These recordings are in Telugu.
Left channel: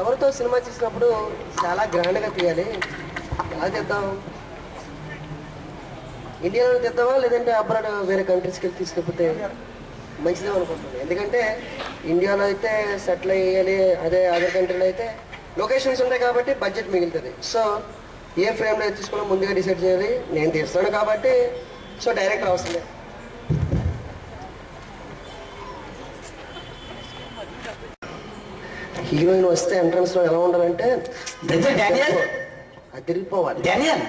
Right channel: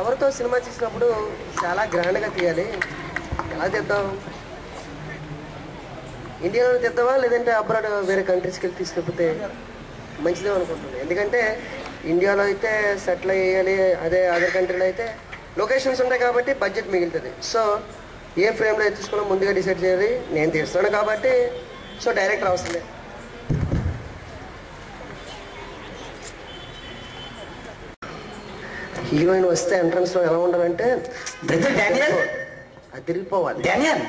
ఎవరితో సినిమా తీసినప్పుడు చాలా గ్రాండ్గా తీయాలి. ఎలా తీద్దాం? ఇండియాలో తీద్దామా లేదంటే అబ్రాడ్ వేరే కంట్రీస్కి వెళ్ళి తీసుకెళ్ళిపోతే మంచిదే అనుకుంటుంది. ఎందుకంటే ఇండియాలో అయితే సెటిల్ అయ్యాలి, అదే అదర్ కంట్రీలో అయితే లొకేషన్స్ ఉంటాయి కాబట్టి బడ్జెట్ మిగులుతుంది. సో ఏ ఫ్రేమ్లో తీసుకున్నా ముందుగా డిసైడ్ చేయాలి. నేను తీస్తాను కాబట్టి సో డైరెక్టర్ అవసరం. హీరోయిన్ వస్తే ఎంట్రన్స్ లో ఎలా ఉండాలంటే అది తిరిగిపోవాలి. డానియల్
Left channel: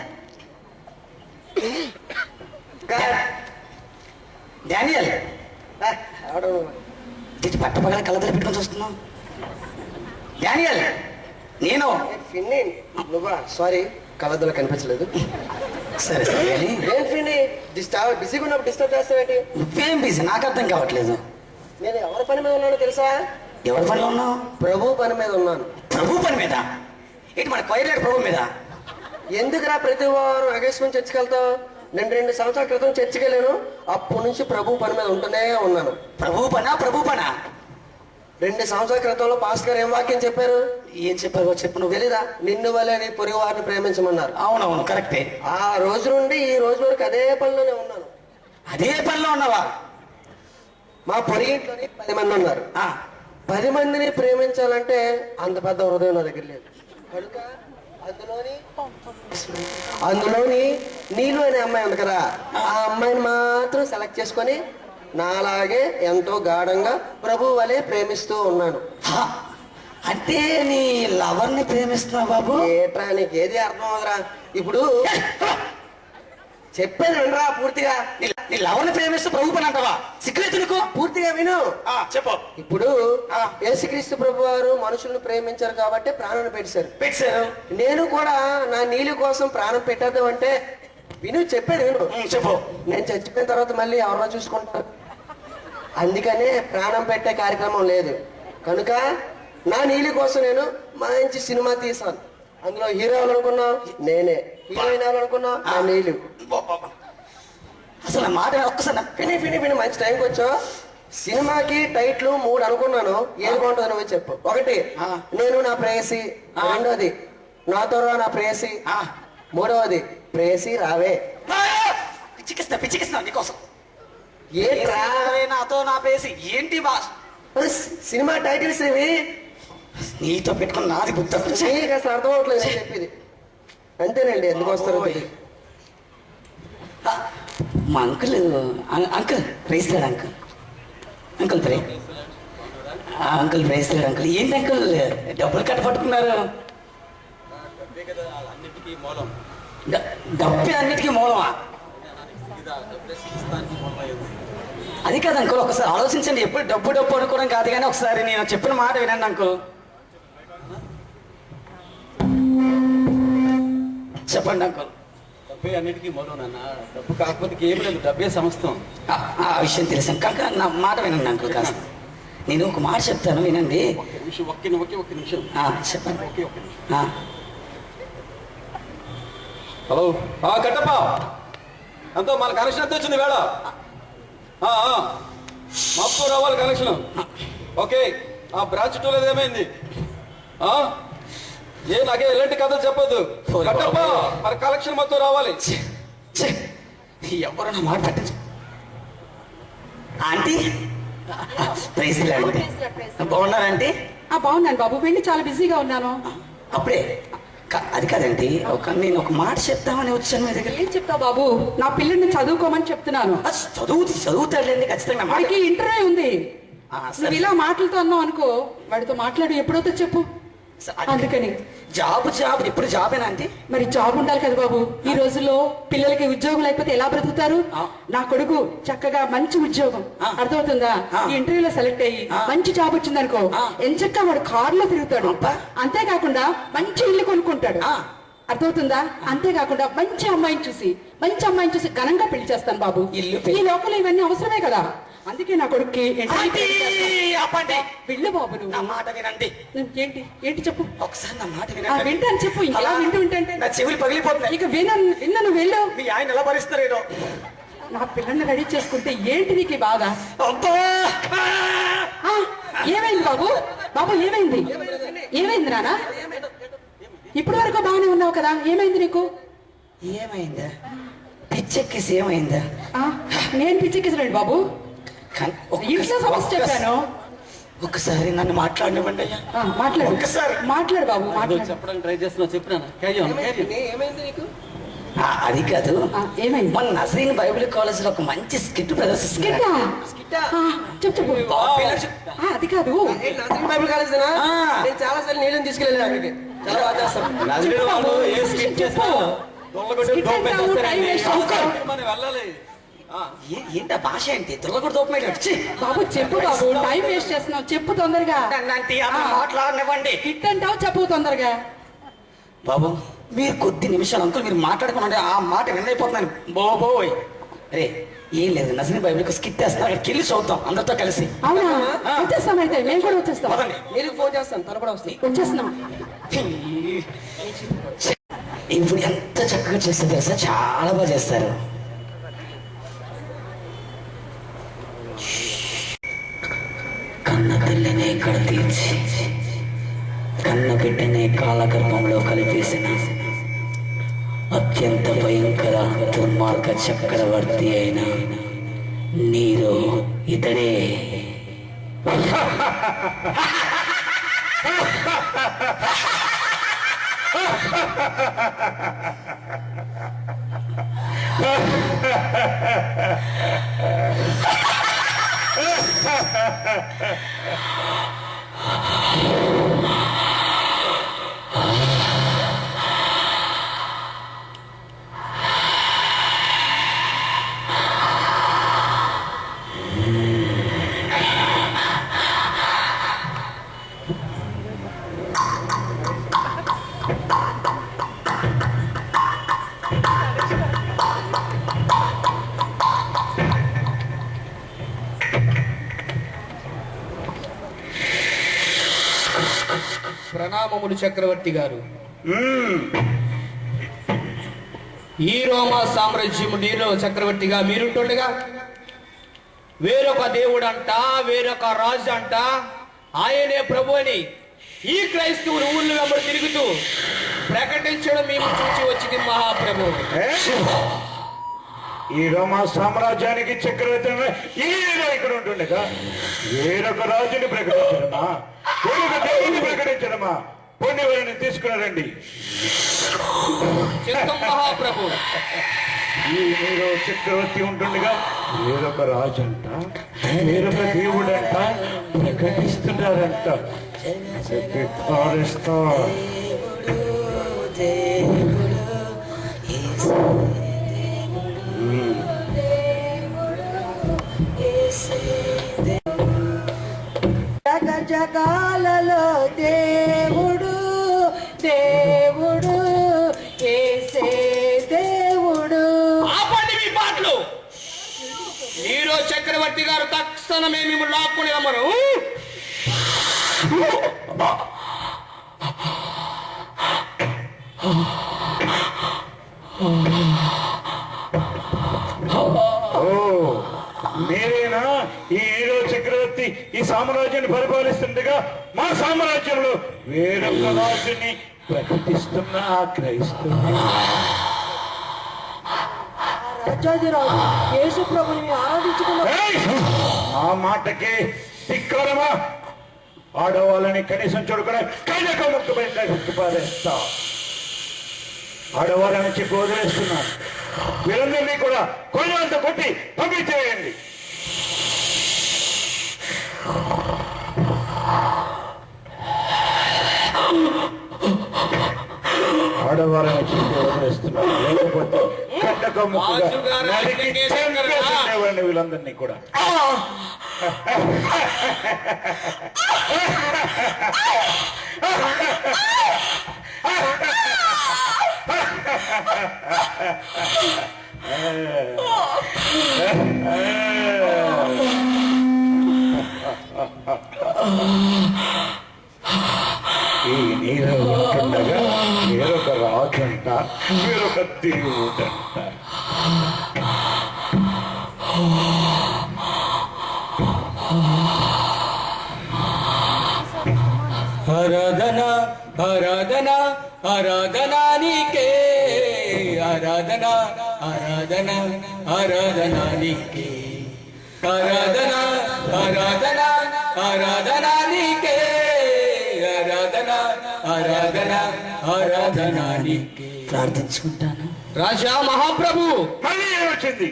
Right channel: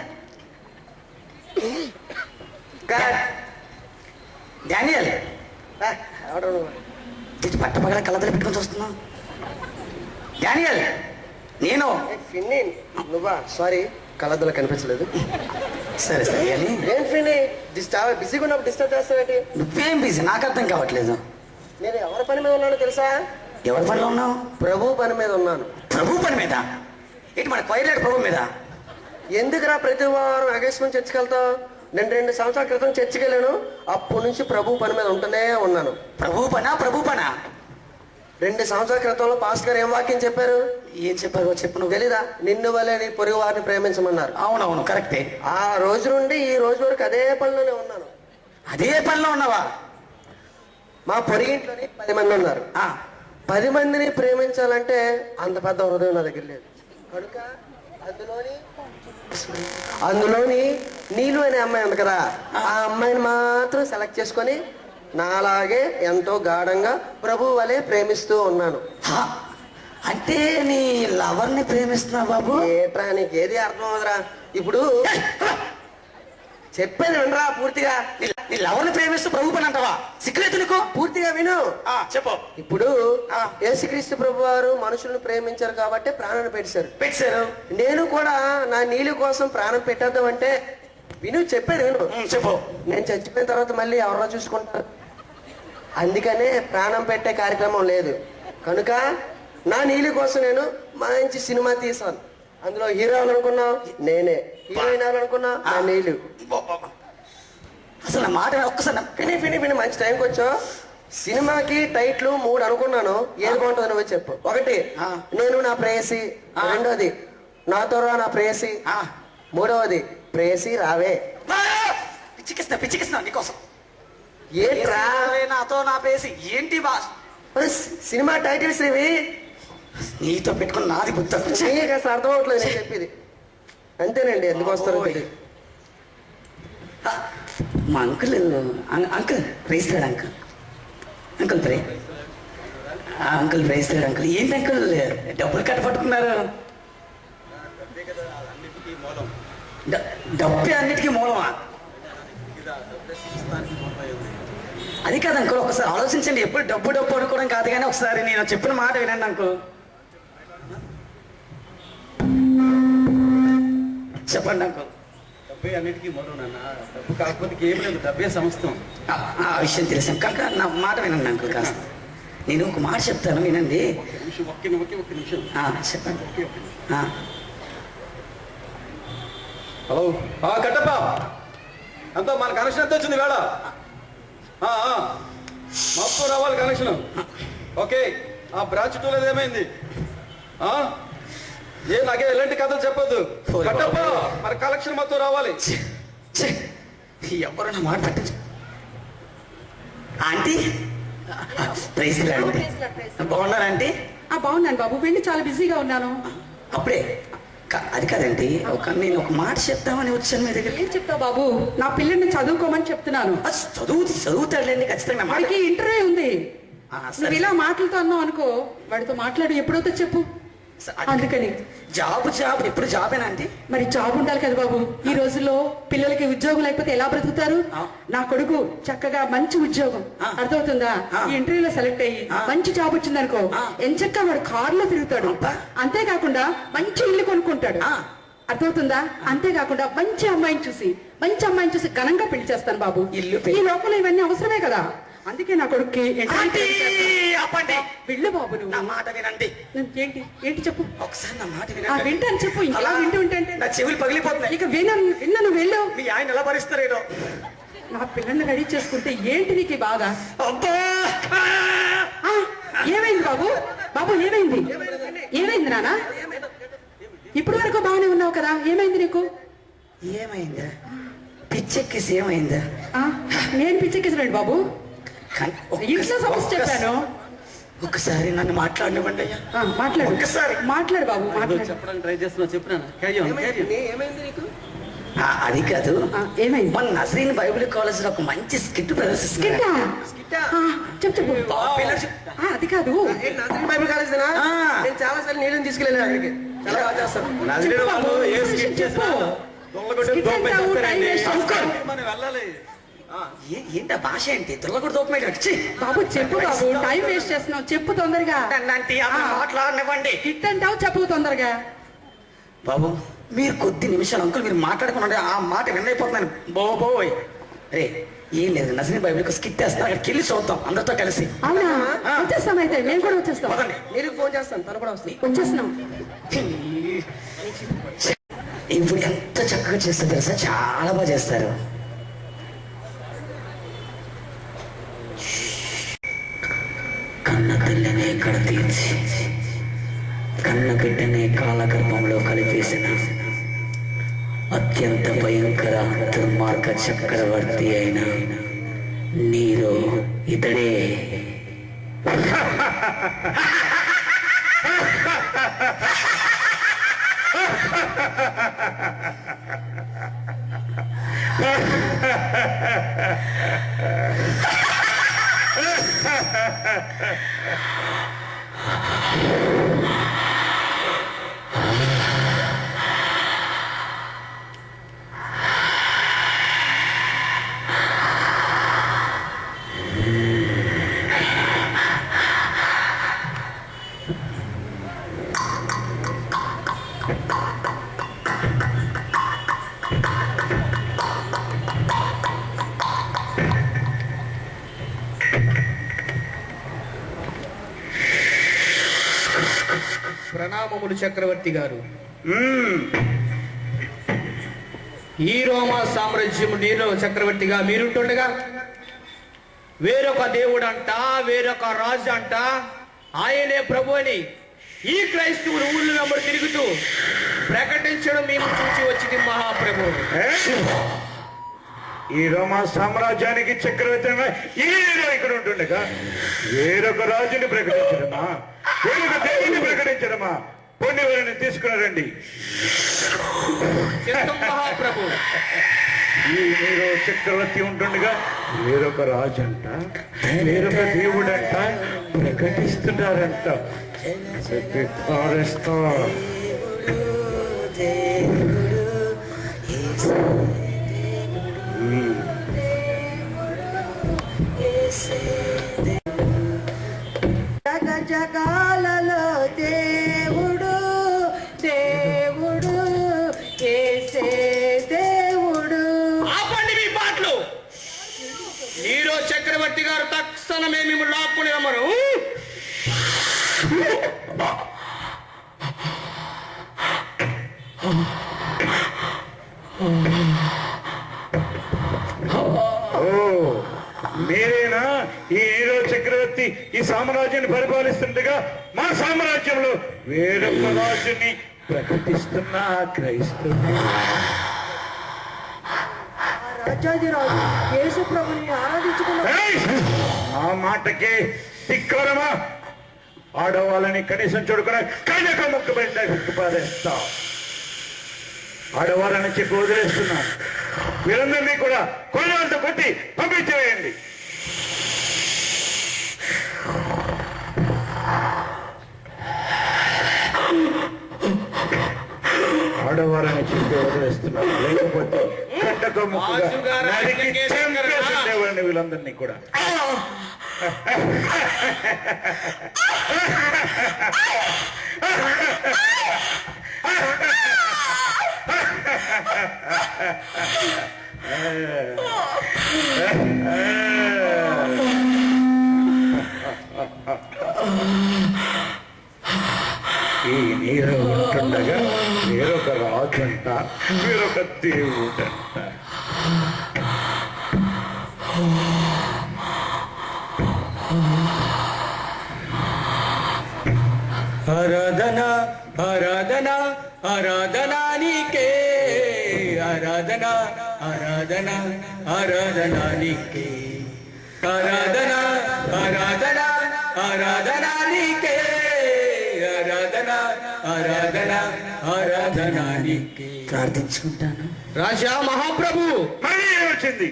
డానియల్ పట్టపగల కళ్ళతో పెట్టుకొని చూస్తున్నావు. డానియల్ నేను నువ్వా? సారీ, కళ్ళద్దులో కనిపించలేదు. సరే సరే ఏం ఫిన్ని బిజీగా ఉన్నప్పుడు డిస్టర్బ్ చేస్తావేంటి? నువ్వేం బిజీ? నాకు అర్థం కావట్లేదు. నేను ఎవరి పని మీద ఉన్నానో తెలుసా? ఎవరి పనిలో ఉన్నావు? ప్రభు పని మీద ఉన్నాను. ప్రభు పని మీద? ఏంటి మన క్వైర్ ప్రభు మీద? ఎందుకురా ప్రతి వారం అగేశ్వరం చర్చికి వెళ్తావు? నేను 2 సంవత్సరాల క్రితం చర్చికి వెళ్ళాను. అప్పటి నుంచి ప్రభు పని మీద ఉంటూనే ఉన్నాను. ప్రభు పనా? ప్రభు పనా? 2 సంవత్సరాల క్రితంలో పాస్టర్ గారు ఏం వాక్యం చెప్పారు? ఏం చెప్పారు చెప్పు. నువ్వు తెలీదా? నిన్ను వలె నీ పొరుగు వారిని ప్రేమించమన్నారు. అవునవును, కరెక్టే. ఆ రోజు నుండి ఈ రోజు వరకు అదే పనిలోనే ఉన్నాను. అదే పనిలో ఉన్నావా? మా పొరిగింట్లోని 10 మంది ఉన్నారు. 10 మందిని ప్రేమించాలంటే అంత పెద్ద హృదయం నా దగ్గర లేదు. కనుక అందులోని నీలు అనే అమ్మాయి ఉంది కదా, ఆ అమ్మాయిని మాత్రం సెలెక్ట్ చేసుకొని నాలాగే ఎంతో గాఢంగా ప్రభు వలె ప్రేమిస్తూ ఉన్నాను. అంటే నీ లవర్ని ప్రేమిస్తున్నావు బాబు? ఏట్రా నీకు ఏది అర్థం అవదురా? ఇప్పుడు చెప్పేది వినరా పూర్తిగా. నీ లవర్ని ప్రేమిస్తూ ప్రభు పని అంటావా? సిగ్గులేదు నీకు? పూర్తిగా విను. చెప్పు. ఇప్పుడు యేసుక్రీస్తు ప్రభు వారు మనుషులను ప్రేమించారు కాబట్టి ప్రాణాన్ని పెట్టారు. నేను కూడా నా నీళ్ళు కోసం ప్రాణం పెట్టేద్దాం అంటే విను, చెప్పేది విను. చెప్పు. నేను చచ్చిపోయిన తర్వాత మళ్ళీ ఎవరో చూసుకుంటారు. అందుకనే ప్రాణం పెట్టే కార్యక్రమం లేదు. కనుక నా నీళ్ళు కోసం నేను మంచి సినిమా తీసాను. అందులో హీరో అవ్వాలనుకున్నా నేనే, హీరోయిన్ అవ్వాలనుకున్నా నా నీళ్ళు. అసలు మాట ఒక్కసారి విని మంచి టైంకి వచ్చావు. సినిమాకి టైటిల్ 3 అనుకున్నాను. ఏది బాగుంటుంది నువ్వు చెప్పు. 1 నేను నా ప్రేయసి, 2వది నాతో రా నా ప్రేయసి, 3వది ప్రేయసి రావే. పిచ్చికిస్తున్నా నీకోసం. ఏంట్రా నాతో నా ప్రేయసి ఏంటి బా? సినిమా టైటిల్స్ ఇవి. నీతో పెట్టుకుని నాది బుద్ధి అసలు అర్థం అవట్లేదు నేను చెప్పేది. అంతేనండి, ఎందుకు వస్తారు? మా అంకుల్ ప్రేస్తాడు. అంకుల్ ప్రేస్తాడు. అంకుల్ ఏంటి అంకుల్ డబ్బులు కట్టపట్టుకున్నారు? డబ్బే అన్నిటికీ మూలమా? అది కాదు అంకుల్, ఒకసారి ఆలోచించండి. ఎప్పుడు డబ్బు అనుకోవడం కాదు, కానీ ఒకసారి నేను చెప్పిన మాట వినండి అంకుల్. చెప్పండి అంకుల్. డబ్బే అన్నిటికీ మూలం నాన్న. డబ్బు కాకపోతే ఏం లేదు, డబ్బే సమస్తం. ఆ విషయం తెలుసాం కాక నా మాట వినండి అంకుల్. కాస్త నేను ఒక మాట చెప్తాను, వినండి. ఒక్క నిమిషం చెప్పండి. హలో కట్టప్ప, ఎంతో మన కనెక్షన్ ఎంత వచ్చింది వేళ? మప్పు రావాలి కనెక్షన్. ఓకే, ఆ బ్రాంచ్ 2 ఏమైంది? నాకే ఎలాంటి కథలు చెప్పొద్దు కట్టప్ప, మన కలెక్షన్ మొత్తం రావాలి. ఎవరు నా మాట పట్టించు. ఆంటీ బాగున్నారంటే? బాగున్నాను బాబు, వెళ్ళి చాలా బిజీగా ఉన్నాను. అప్పుడే అది కాదండి, నేను ఒక మాట చెప్తామని వచ్చాను మీ దగ్గర. ఏం చెప్తావు బాబు? నా పిల్లల్ని చదువుకోమని చెప్తున్నాను. చదువుతాడులేండి ఖచ్చితంగా. వాడికి ఇంటర్వ్యూ ఉంది. నువ్వు ఇలా మాటలతో అన్నావు అనుకో, వాడితో మాట్లాడు ఎప్పుడైతే చెప్పు. అందుకని జాబ్ ఇప్పుడు జాబేనా అండి? మరి జాబ్ ఉండాలి కదా బాబు. ఈ రోజుల్లో పిల్లలకి ఉద్యోగం లేకపోతే ఎలా బ్రతుకుతారు? నా కొడుకు చక్కగా మంచి ఉద్యోగం, అర్థమవుతుందా? ఈ ఇంటర్వ్యూలో సెలెక్ట్ అయ్యి మంచి జాబ్ వచ్చింది అనుకో, ఎంచక్కా వాడు కారులో తిరుగుతాడు. అంతేకాకుండా మంచి ఇల్లు కొనుక్కుంటాడు, అర్థమవుతుందా? అంతేకాకుండా మంచి అమ్మాయిని చూసి ఘనంగా పెళ్లి చేస్తాను బాబు. ఈ లోపల ఇవన్నీ అవసరమే కదా. అందుకే నా కొడుక్కి వెళ్ళు బాబు. నువ్వు నా మాట వినండి. ఏంటి చెప్పు. ఒకసారి నా మాట వినండి. వింటాను చెప్పు. ఇంకా వింటే నా చెవులు పగిలిపోతున్నాయి. ఇక విన్నాను వెళ్ళు. మీ ఆయన ఎలా భరిస్తారేనో. నా పిల్లల్ని రెడీ చేసుకుంటే ఏంటి నీకు బాగా? ఏమైంది బాబు? ఏమైంది? ఏమైంది నానా? ఇప్పటి వరకు బాగానే ఉన్నావు కదా, ఏమైంది నీకు? ఏమైందా? పిచ్చెక్కిసి ఏమైందా? నేను పిచ్చెక్కిసినండి బాబు, ఇంట్లో సమస్య చెప్పాను. ఒకసారి నన్ను మాట్లాడినవ్వండి అయ్యా. మాట్లాడు, ఒక్కసారి మాట్లాడు బాబు, మాట్లాడు. చెప్పడానికి ట్రై చేస్తున్నా, చెప్పినా ఏమైంది నీకు? అది కాదు, ఏమైంది? మన నజరీన్ బైబిల్ కాలేజ్ లో ఒక మంచి స్కిట్ ప్రదర్శిస్తుంది. చెప్పు చెప్పు. అది కాదు, బైబిల్ కాలేజ్ నేను చాలా సార్లు నీళ్ళని తీసుకెళ్ళాను అక్కడికి. చాలా బాగా చేస్తాను. నజరీన్ వాళ్ళు ఏ స్కిట్ చెప్పు. చేసినా మనం వెళ్ళాలి. ఏంటి ఆ భాష ఏంటి? దుల్లగొడు దూపమే వచ్చి బాబు చెప్పు బాబు, టైం వేస్ట్ చేస్తున్నావు, చెప్పు తొందరగా. మాట్లాడనివ్వండి. హిట్ అంటావు, చెప్పు తొందరగా. బాబు మీరు కొద్ది నిమిషాలు అంకుల్ మీరు మాట్లాడుకున్నాంటే ఆ మాట విన్నైపోతున్నాను బాబోయ్. రే ఏం లేదు, నజరీన్ బైబిల్ స్కిట్ వేస్తున్నా, అక్కడికి వెళ్ళి చూద్దాం అందరితో కలిసి. అవునా? వచ్చేస్తాం, అయితే మేము కూడా వచ్చేస్తాం. మీరు ఫోన్ చేస్తాను, త్వరపడి వస్తాను. వచ్చేస్తున్నాం. ఇప్పుడు ఎంత చక్కగా చేస్తారు తెలుసా, చాలా బాగా చేస్తారు. కన్న తల్లినే కడతీర్చి కన్న బిడ్డనే కాలగర్భంలో కలిపేసిన అత్యంత భయంకర దుర్మార్గ చక్రవర్తి అయిన నీరు ఇతడే. ప్రణామములు చక్రవర్తి గారు. ఈ రోమా సామ్రాజ్యము నీలో చక్రవర్తిగా మీరుంటుండగా వేరొక దేవుడంట, వేరొక రాజు అంట, ఆయనే ప్రభు అని ఈ క్రైస్తవులు ఊళ్ళో వెంబడి తిరుగుతూ ప్రకటించడం మేము చూసి వచ్చింది మహాప్రభు. ఈ రోమా సామ్రాజ్యానికి చక్రవర్తి ఇక్కడ ఉంటుండగా వేరొక రాజుని ప్రకటించడమా, వేరొక దేవుని ప్రకటించడమా? పొండివారిని తీసుకున్నారండి. మహాప్రభు, ఈ మీరు చక్రవర్తి ఉంటుండగా వేరొక రాజు అంట, వేరొక దేవుడంట ప్రకటిస్తున్నారంట. జగాలలో దేవుడు దేవుడు యేసే దేవుడు. ఆపండి మీ పాటలు. నీరో చక్రవర్తి గారు తక్షణమే మేము లాక్కుని రమ్మరు. మీరేనా ఈ హీరో చక్రవర్తి ఈ సామ్రాజ్యాన్ని పరిపాలిస్తుండగా మా సామ్రాజ్యంలో వేరొక రాజుని ప్రకటిస్తున్న ఆ క్రైస్తవుని రాజాదిరాజు యేసు ప్రభుని ఆరాధించుకున్న ఆ మాటకి ధిక్కారమా? ఆడవాళ్ళని కనీసం చూడకుండా కళ్ళక ముక్కుబడి పారేస్తా. ఆడవాళ్ళని చెప్పి వదిలేస్తున్నాను. వీరందరినీ కూడా కొల్లాలతో కొట్టి పంపించేయండి. ఆడవాళ్ళని చెప్పి వదిలేస్తున్నాను, లేకపోతే కట్టక ముక్కుగా నరికి చంపేసేవాడిని వీళ్ళందరినీ కూడా. ఈ నీరు ఉంటుండగా వేరొక రాజంట, వేరొక దేవుడంట. ఆరాధనా ఆరాధన ఆరాధన నీకే ఆరాధన ఆరాధన ఆరాధన నీకే ఆరాధన ఆరాధన ఆరాధన నీకే ఆరాధన ఆరాధన ఆరాధన నీకే. ప్రార్థించుకుంటాను. రాజా మహాప్రభు, మళ్ళీ ఏం వచ్చింది?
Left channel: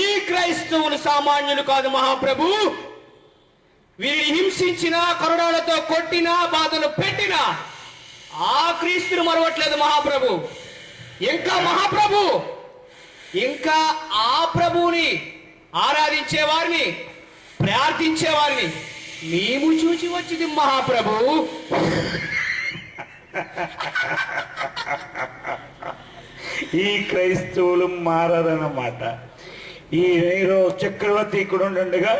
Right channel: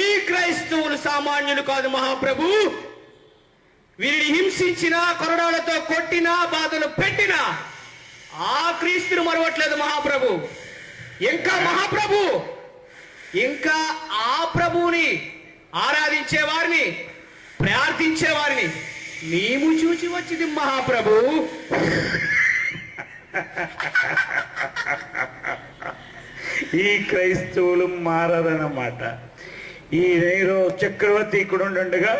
ఈ క్రైస్తవులు సామాన్యులు కాదు మహాప్రభు. వీరిని హింసించిన, కరుణాలతో కొట్టినా, బాధలు పెట్టినా ఆ క్రీస్తును మరవట్లేదు మహాప్రభు. ఇంకా మహాప్రభు, ఇంకా ఆ ప్రభువుని ఆరాధించే వారిని, ప్రార్థించే వారిని మేము చూసి వచ్చింది మహాప్రభు. ఈ క్రైస్తవులు మారరన్నమాట. ఈ నేరో చక్రవర్తి ఇక్కడ ఉండగా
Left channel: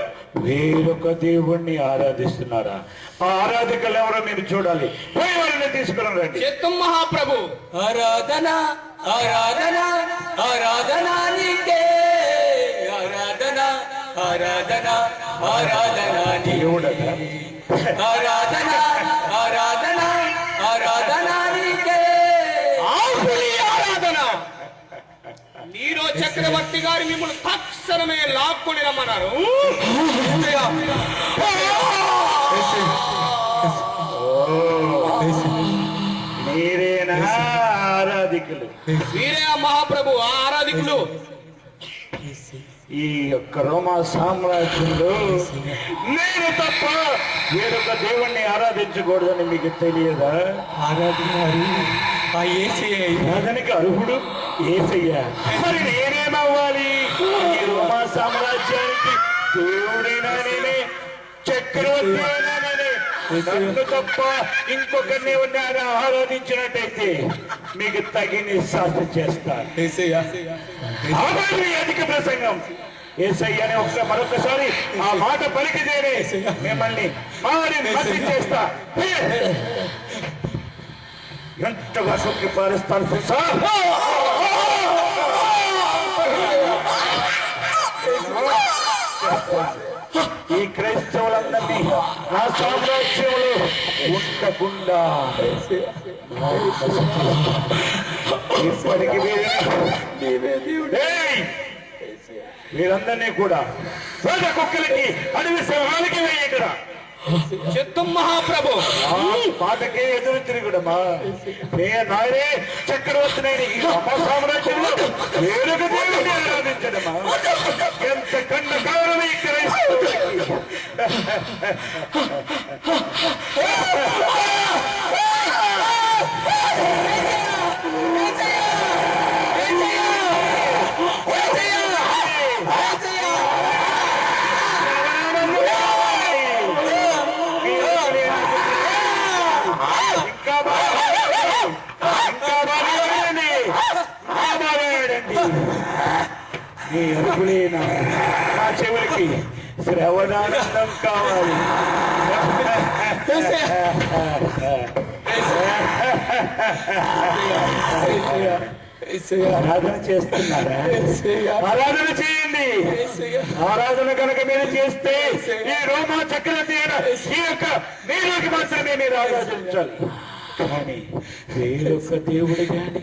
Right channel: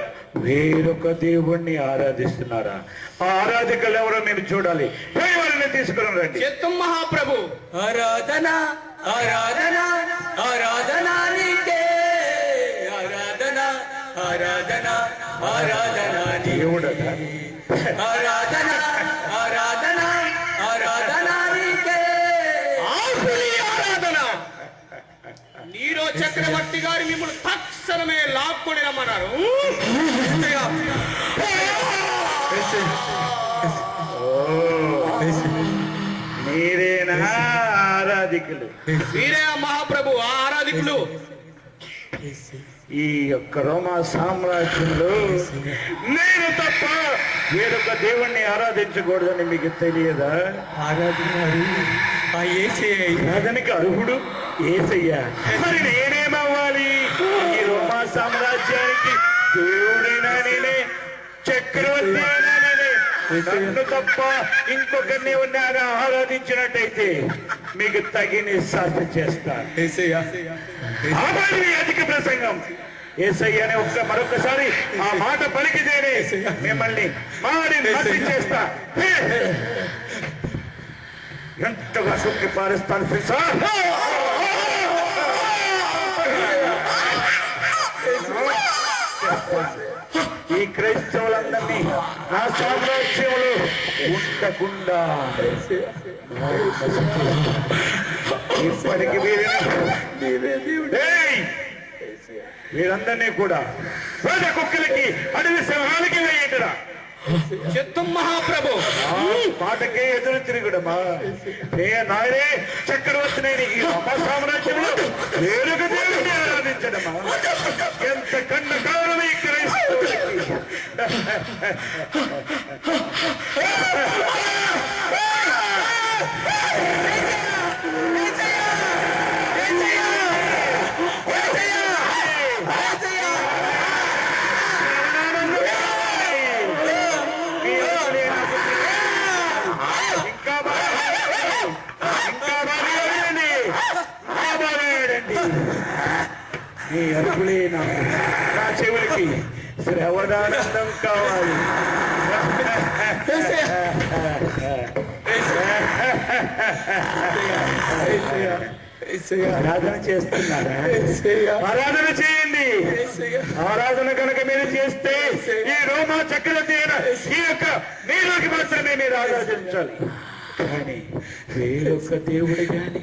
వేరొక దేవుణ్ణి ఆరాధిస్తున్నారా? ఆ ఆరాధికలు ఎవరో మీరు చూడాలి. పోయి వారిని తీసుకుని రండి. చిత్తం మహాప్రభు. ఆరాధన ఆరాధన ఆరాధన నీకే ఆరాధన ఆరాధన ఆరాధన దేవుడట. ఆరాధన ఆరాధన ఆరాధన నీకే ఆరాధన. నీరో చక్రవర్తి గారు మిమ్మల్ని తక్షణమే లాక్కొని రమ్మన్నారు. మీరేనా ఆరాధికులు? వీరే ఆ మహాప్రభు, ఆ ఆరాధికులు. ఈ యొక్క రోమా సామ్రాజ్యంలో నేను తప్ప వేరొక దేవుణ్ణి ఆరాధించకూడదని మీకు తెలియదా? ఆరాధనకి అర్హుడు యేసయ్య. మరి నేనేమవ్వాలి? ఈ రోమా సామ్రాజ్యానికి దేవుడైనా నేనే, చక్రవర్తి అయినా నేనే. నన్ను తప్ప ఇంకొకరిని ఉన్నారా ఆరాధించినట్టయితే మీకు తగిన శాస్త్ర చేస్తాను. అధిక ప్రసంగం. యేసయ్య అని మరొకసారి ఆ మాట పలికితేనే మిమ్మల్ని మట్టి చేస్తా. ఎంతగా సొక్కి పారిస్తాను సార్. ఈ క్రైస్తవులందరినీ నా సామ్రాజ్యంలో ఉండకుండా ఇప్పటికి వీరందరినీ కూడా పేద కుక్కలకి, అడవి సింహాలకి వేయండిరా. చిత్తం మహాప్రభు. పాటకే ఎదురు తిరుగుడమ్మా. నాయనే చక్రవర్తిని ఈ రోమా సామ్రాజ్యంలో వేరొక దేవుడిని ఆరాధించడమా? ఎంత కన్న కారణం ఈ క్రైస్తవులకి. మీ అరుపులేనా నా చెవులకి శ్రవణానందం కావాలి. ఆరాధన చేస్తున్నారా? ఆరాధన చేయండి. ఆరాధన కనుక మీరు చేస్తే ఈ రోమా చక్రవర్తి ఈ యొక్క నీలోకి మాత్రమే మీరు ఆరాధించాలి. కానీ వేరొక దేవుడు కానీ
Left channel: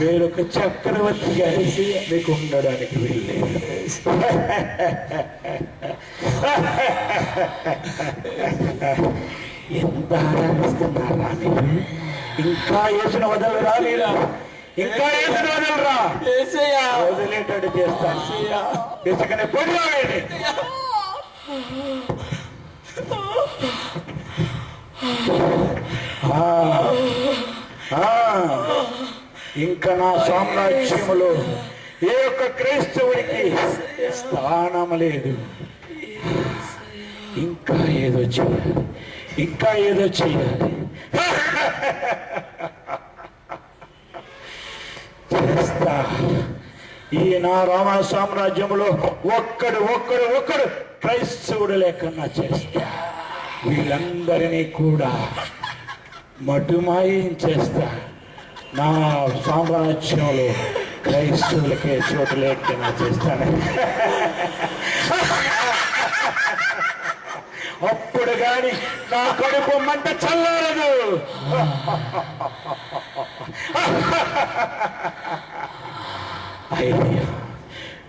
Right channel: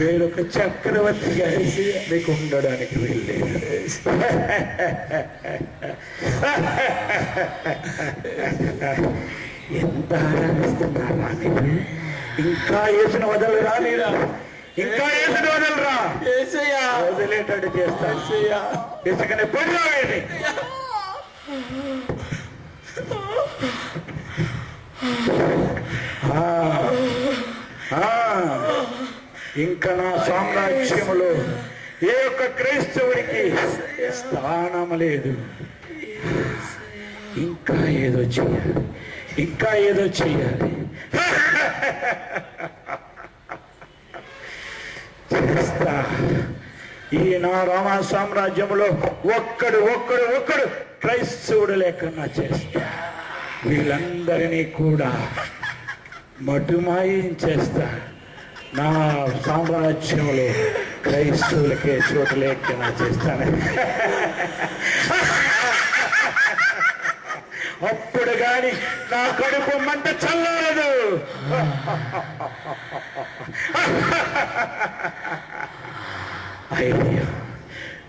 వేరొక చక్రవర్తి కానీ మీకు ఉండడానికి వెళ్ళలేదు. ఎంత ఆరాధిస్తున్నారా మీరు? ఇంకా యేసును వదలరా మీరు? ఇంకా యేసును వదలరా? వదిలేటట్టు చేస్తాను. ఇసుకనే పొడివేయండి. ఇంకా నా సామ్రాజ్యములో ఏ ఒక్క క్రైస్తవుడికి స్థానం లేదు. ఇంకా ఏదో చెయ్యాలి, ఇంకా ఏదో చెయ్యాలి. చేస్తా. ఈ నా రామ సామ్రాజ్యంలో ఒక్కడు క్రైస్తవుడు లేకన్నా చేస్తా. వీళ్ళందరినీ కూడా మటుమాయం చేస్తా. నా సామ్రాజ్యంలో క్రైస్తవులకే చోటు లేకన్నా చేస్తాను. అప్పుడు గాని నా కడుపు మంట చల్లారదు. అయ్యో,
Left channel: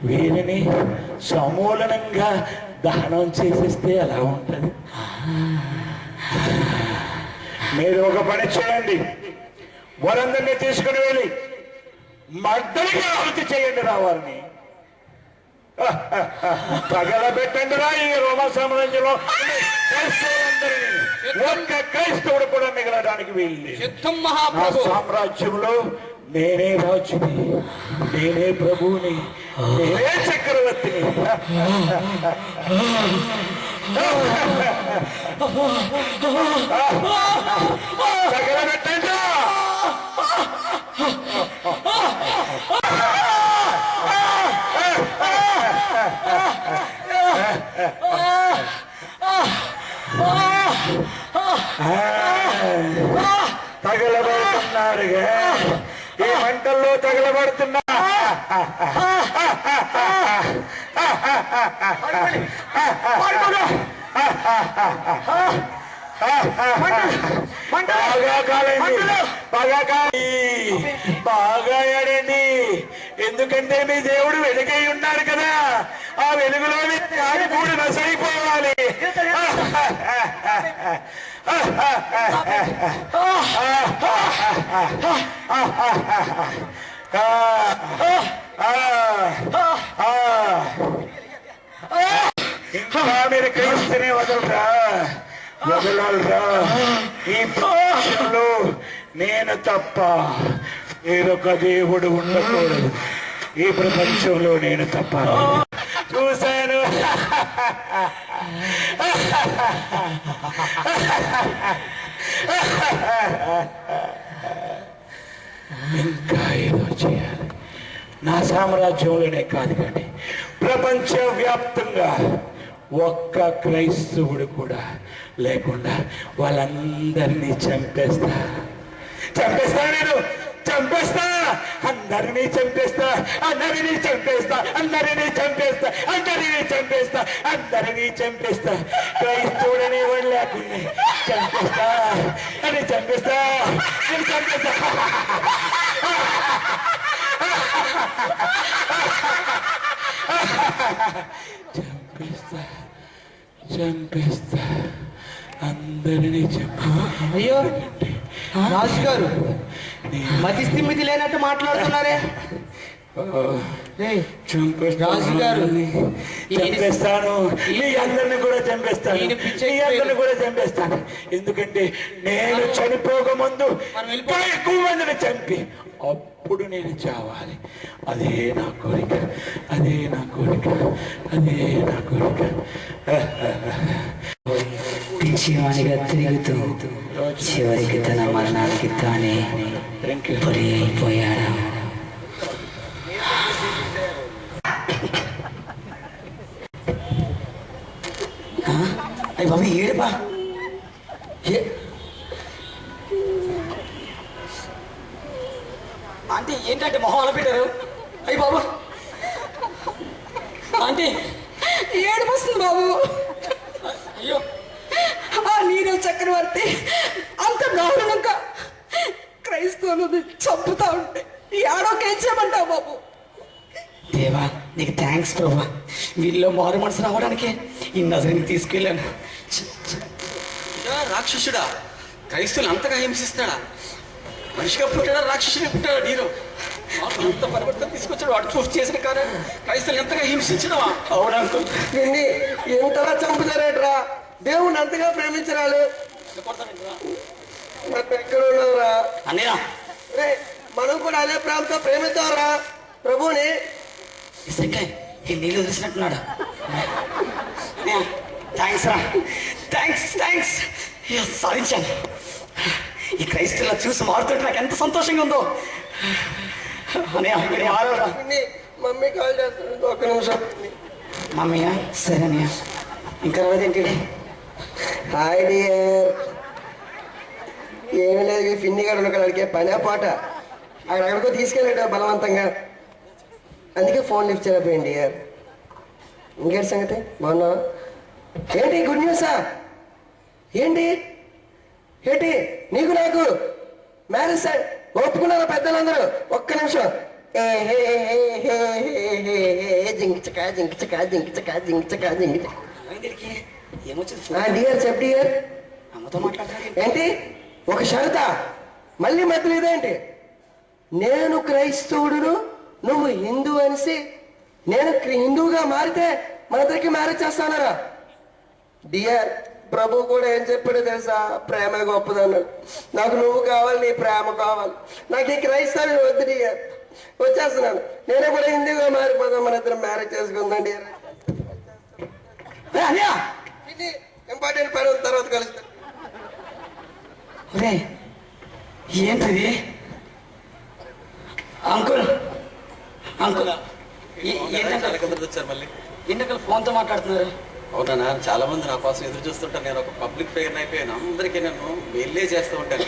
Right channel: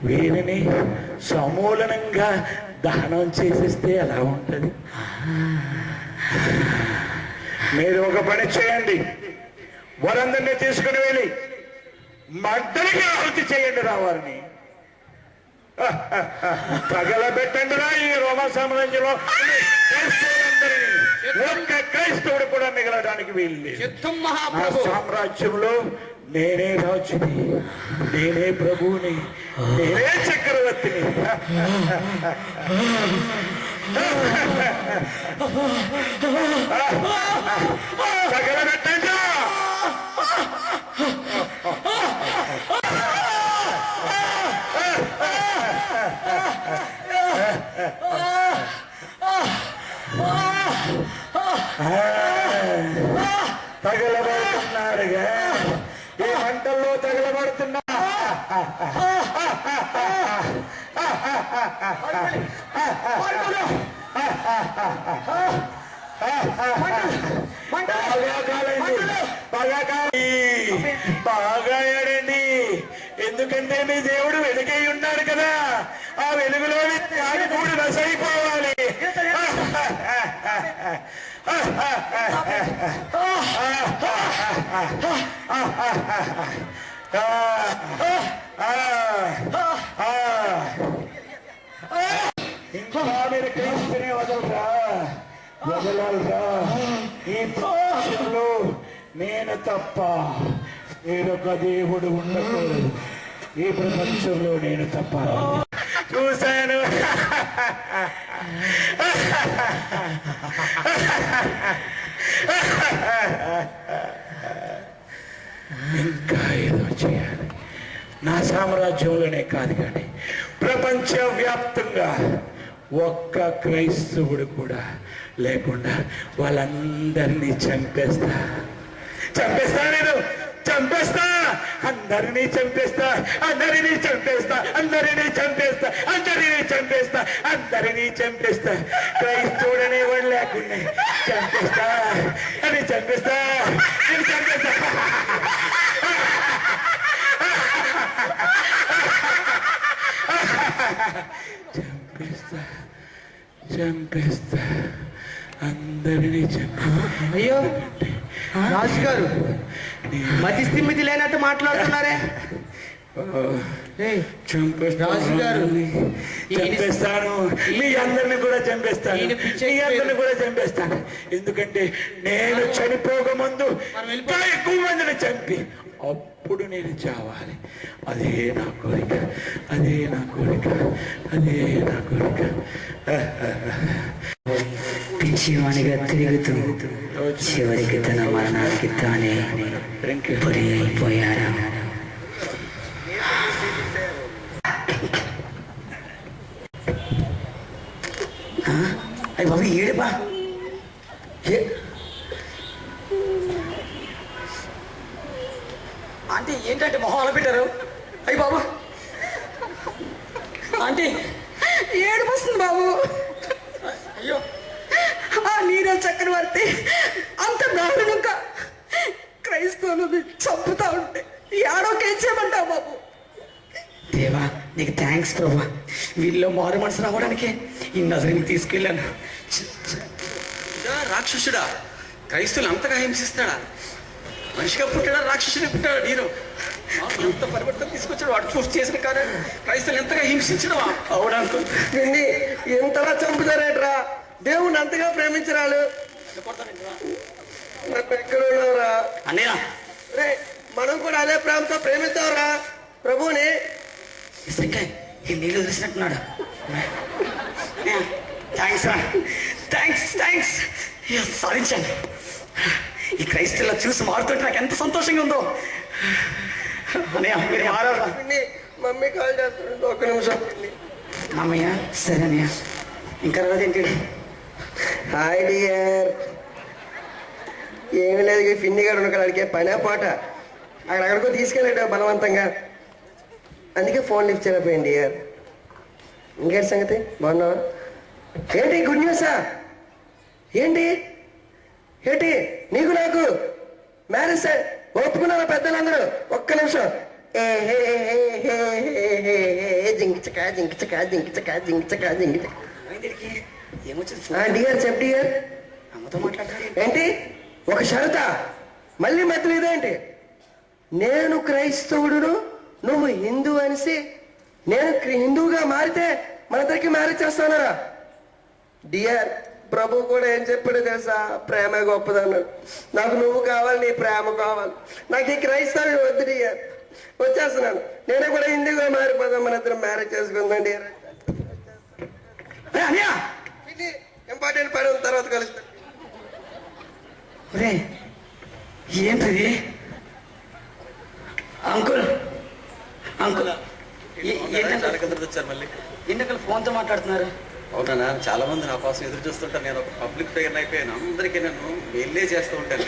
వీరిని సమూలనంగా దహనం చేసేస్తే ఎలా ఉంటది? మీరు ఒక పని చేయండి, వారందరినీ తీసుకుని వెళ్ళి మద్దరికి ఆహుతి చేయండి రా వారిని. తగలబెట్టండి రా ఈ రోమా సామ్రాజ్యంలో క్రైస్తవులందరినీ. ఒక్క క్రైస్తవుడు కూడా మిగలడానికి వీల్లేదు. నా సామ్రాజ్యంలో నేనే రాజుని, నేనే ప్రభువుని, నేనే చక్రవర్తిని. తగలబెట్టండి. తగలబడుతున్నారుగా, ఈ మంటల్లో తగలబడుతున్నా. బాగా కాలండి, బాగా ఏడండి. ఎందుకంటే మీ దేవుడు వెలుగై ఉన్నారు కదా, ఆ వెలుగులోని ఆడిపూడి నసైపోవాలి. ఇంకా మీరు క్రీస్తుని వదలరా. ఈ ప్రపంచంలో నేను తప్ప వేరొక దేవుడు ఉండకూడదు. ఈ ప్రపంచంలో నేను తప్ప. చూశాను, ఇంకా ఏదో చేయాలి. నా సామ్రాజ్యంలోనే కాదు కానీ ప్రపంచవ్యాప్తంగా ఒక్క క్రైస్తవుడు కూడా లేకుండా వాళ్ళందరినీ చంపేస్తా. నేను చంపేస్తా, అందరినీ చంపేస్తా, అందరినీ చంపేస్తా, అందరినీ చంపేస్తా, అందరినీ చంపేస్తా, అందరినీ చంపేస్తా. క్రైస్తవుడనే వాడు లేకుండా చంపేస్తా అని చంపేస్తా, నేను చంపేస్తా. చంపేస్తా, చంపేస్తా, అందరినీ చంపేస్తా. అయ్యో రాజు గారు, మతి స్థిమితి లేనట్టు మాట్లాడుతున్నారే. రాజు గారు, చంపేస్తాను, మీ అందరిని కూడా చంపేస్తాను, మీ అందరిని కూడా చంపేస్తాను. ఎందుకంటే నేను చనిపోక ముందు ఇంకా ఎక్కువ మందిని చంపి అప్పుడు నేను చావాలి. అదే నా కోరిక, అదే నా కోరిక, అదే నా కోరిక. పిచ్చివానిగా తిరుగుతూ చివరికి తన మరణానికి తానే బలి అయిపోయాడు. అయ్యి బాబు ఏడుపా, ఆంటీ ఏంటంటే మొహం అలా పెట్టారు? అయ్యి బాబు, ఆంటీ ఏడుపు వస్తుంది బాబు. అయ్యో, ఆ నీరో చక్రవర్తి అంత దారుణంగా క్రైస్తవులను చంపుతా ఉంటే ఏడోకేం చేయమంటావు బాబు? దేవా నీకు థ్యాంక్స్ ప్రభా, వీళ్ళు మారు మనసు రావడానికి ఈ నజరుని తీసుకెళ్ళాను. రాక్షసుడా, క్రైస్తువులు అంతగా హింసిస్తాడా? మనిషిగా పుట్టాడా, రాక్షసుని పుట్టాడా? నేను అంత పరివర్తన తీసుకొచ్చాడు వాడు చూసి చేసిన కార్యం. క్రైస్తువులు ఎంతగా హింసించడమా? అవునంటూ ఎంతలా చంపుతారేట్రా? దేవుణ్ణి అంతగా ప్రేమించరాలు. ఎక్కడ ఉన్నావురా అన్నయ్య? రే, మనం కూడా అదే ప్రేమతో ప్రేమిద్దాంరా ప్రభువుని. ఈ నీళ్ళు తెలిసినట్టున్నాడు. థ్యాంక్స్ రా, థ్యాంక్స్ థ్యాంక్స్, సాధించాను. ఈ క్రైస్తవుల చూసి మారుతుంటే నాకు ఎంత సంతోషంగా ఉందో. అన్నయ్య మారవరా? మమ్మీ కాల్ చేస్తాడు, ఒక్క నిమిషం. మమ్మయ్య సరే అన్నయ్య. ఇంకా రాదేంటి? Hi dear. ఏమి లేదు, ఫిన్ని గారు ఉన్న అడిగే పనే పాట అక్కడికో తీసుకెళ్ళాడు బలవంతంగా, అందుకే ఫోన్ లిఫ్ట్ చేయలేకపోయింది డియర్. ఇంకేంటి సంగతి, బాగున్నావా? ఏంటి గుడ్ న్యూసా? ఏంటి ఏంటి నీకు నాకు మ్యారేజ్ ఒప్పుకున్నారా పెద్దలందరూ? ఒక్క నిమిషం. జింకిచక జింకిచక జింకిచక జింకిచక జింకిచక. ఏమొచ్చింది? డియర్ చెప్ డియర్. అమ్మతో మాట్లాడతారు ఏంటి ఒక షరత? మళ్ళీ మధ్యలో ఇదేంటి? నేను క్రైస్తవుడును, నువ్వు హిందూ అనేసి నేను హిందూగా మారితే మన ఇద్దరికి మ్యారేజ్ చేస్తానరా? డియర్, ప్రభు కూడా ఏం చెప్పాడు తెలుసా? ప్రేమ గొప్పదన్నాడు. నాకు నువ్వు కావాలి, నీ ప్రేమ కావాలి. నాకు ఈ క్రైస్తవ్యం వద్దు డియర్, వచ్చేస్తున్నాను. నేనే కూడా హిందూగా మారిపోతాను, మన ఇద్దరు మ్యారేజ్ చేసుకుందాం డియర్. ఇంపార్టెంట్ పని ఉంది, తర్వాత కలుస్తాను. ఏంటది? అంకుల్ అంకుల్ వచ్చారు మళ్ళీ. ఎందుకు ఫోన్తో మాట్లాడుతున్నారు? అవునా, చాలా మంది నా కోసం ఎదురు చూస్తుంటాను. నేను ఒక పబ్లిక్ ఫిగర్ అయిపోయాను. అందరికీ నేను మెయిల్లే చేస్తూ ఉంటాను.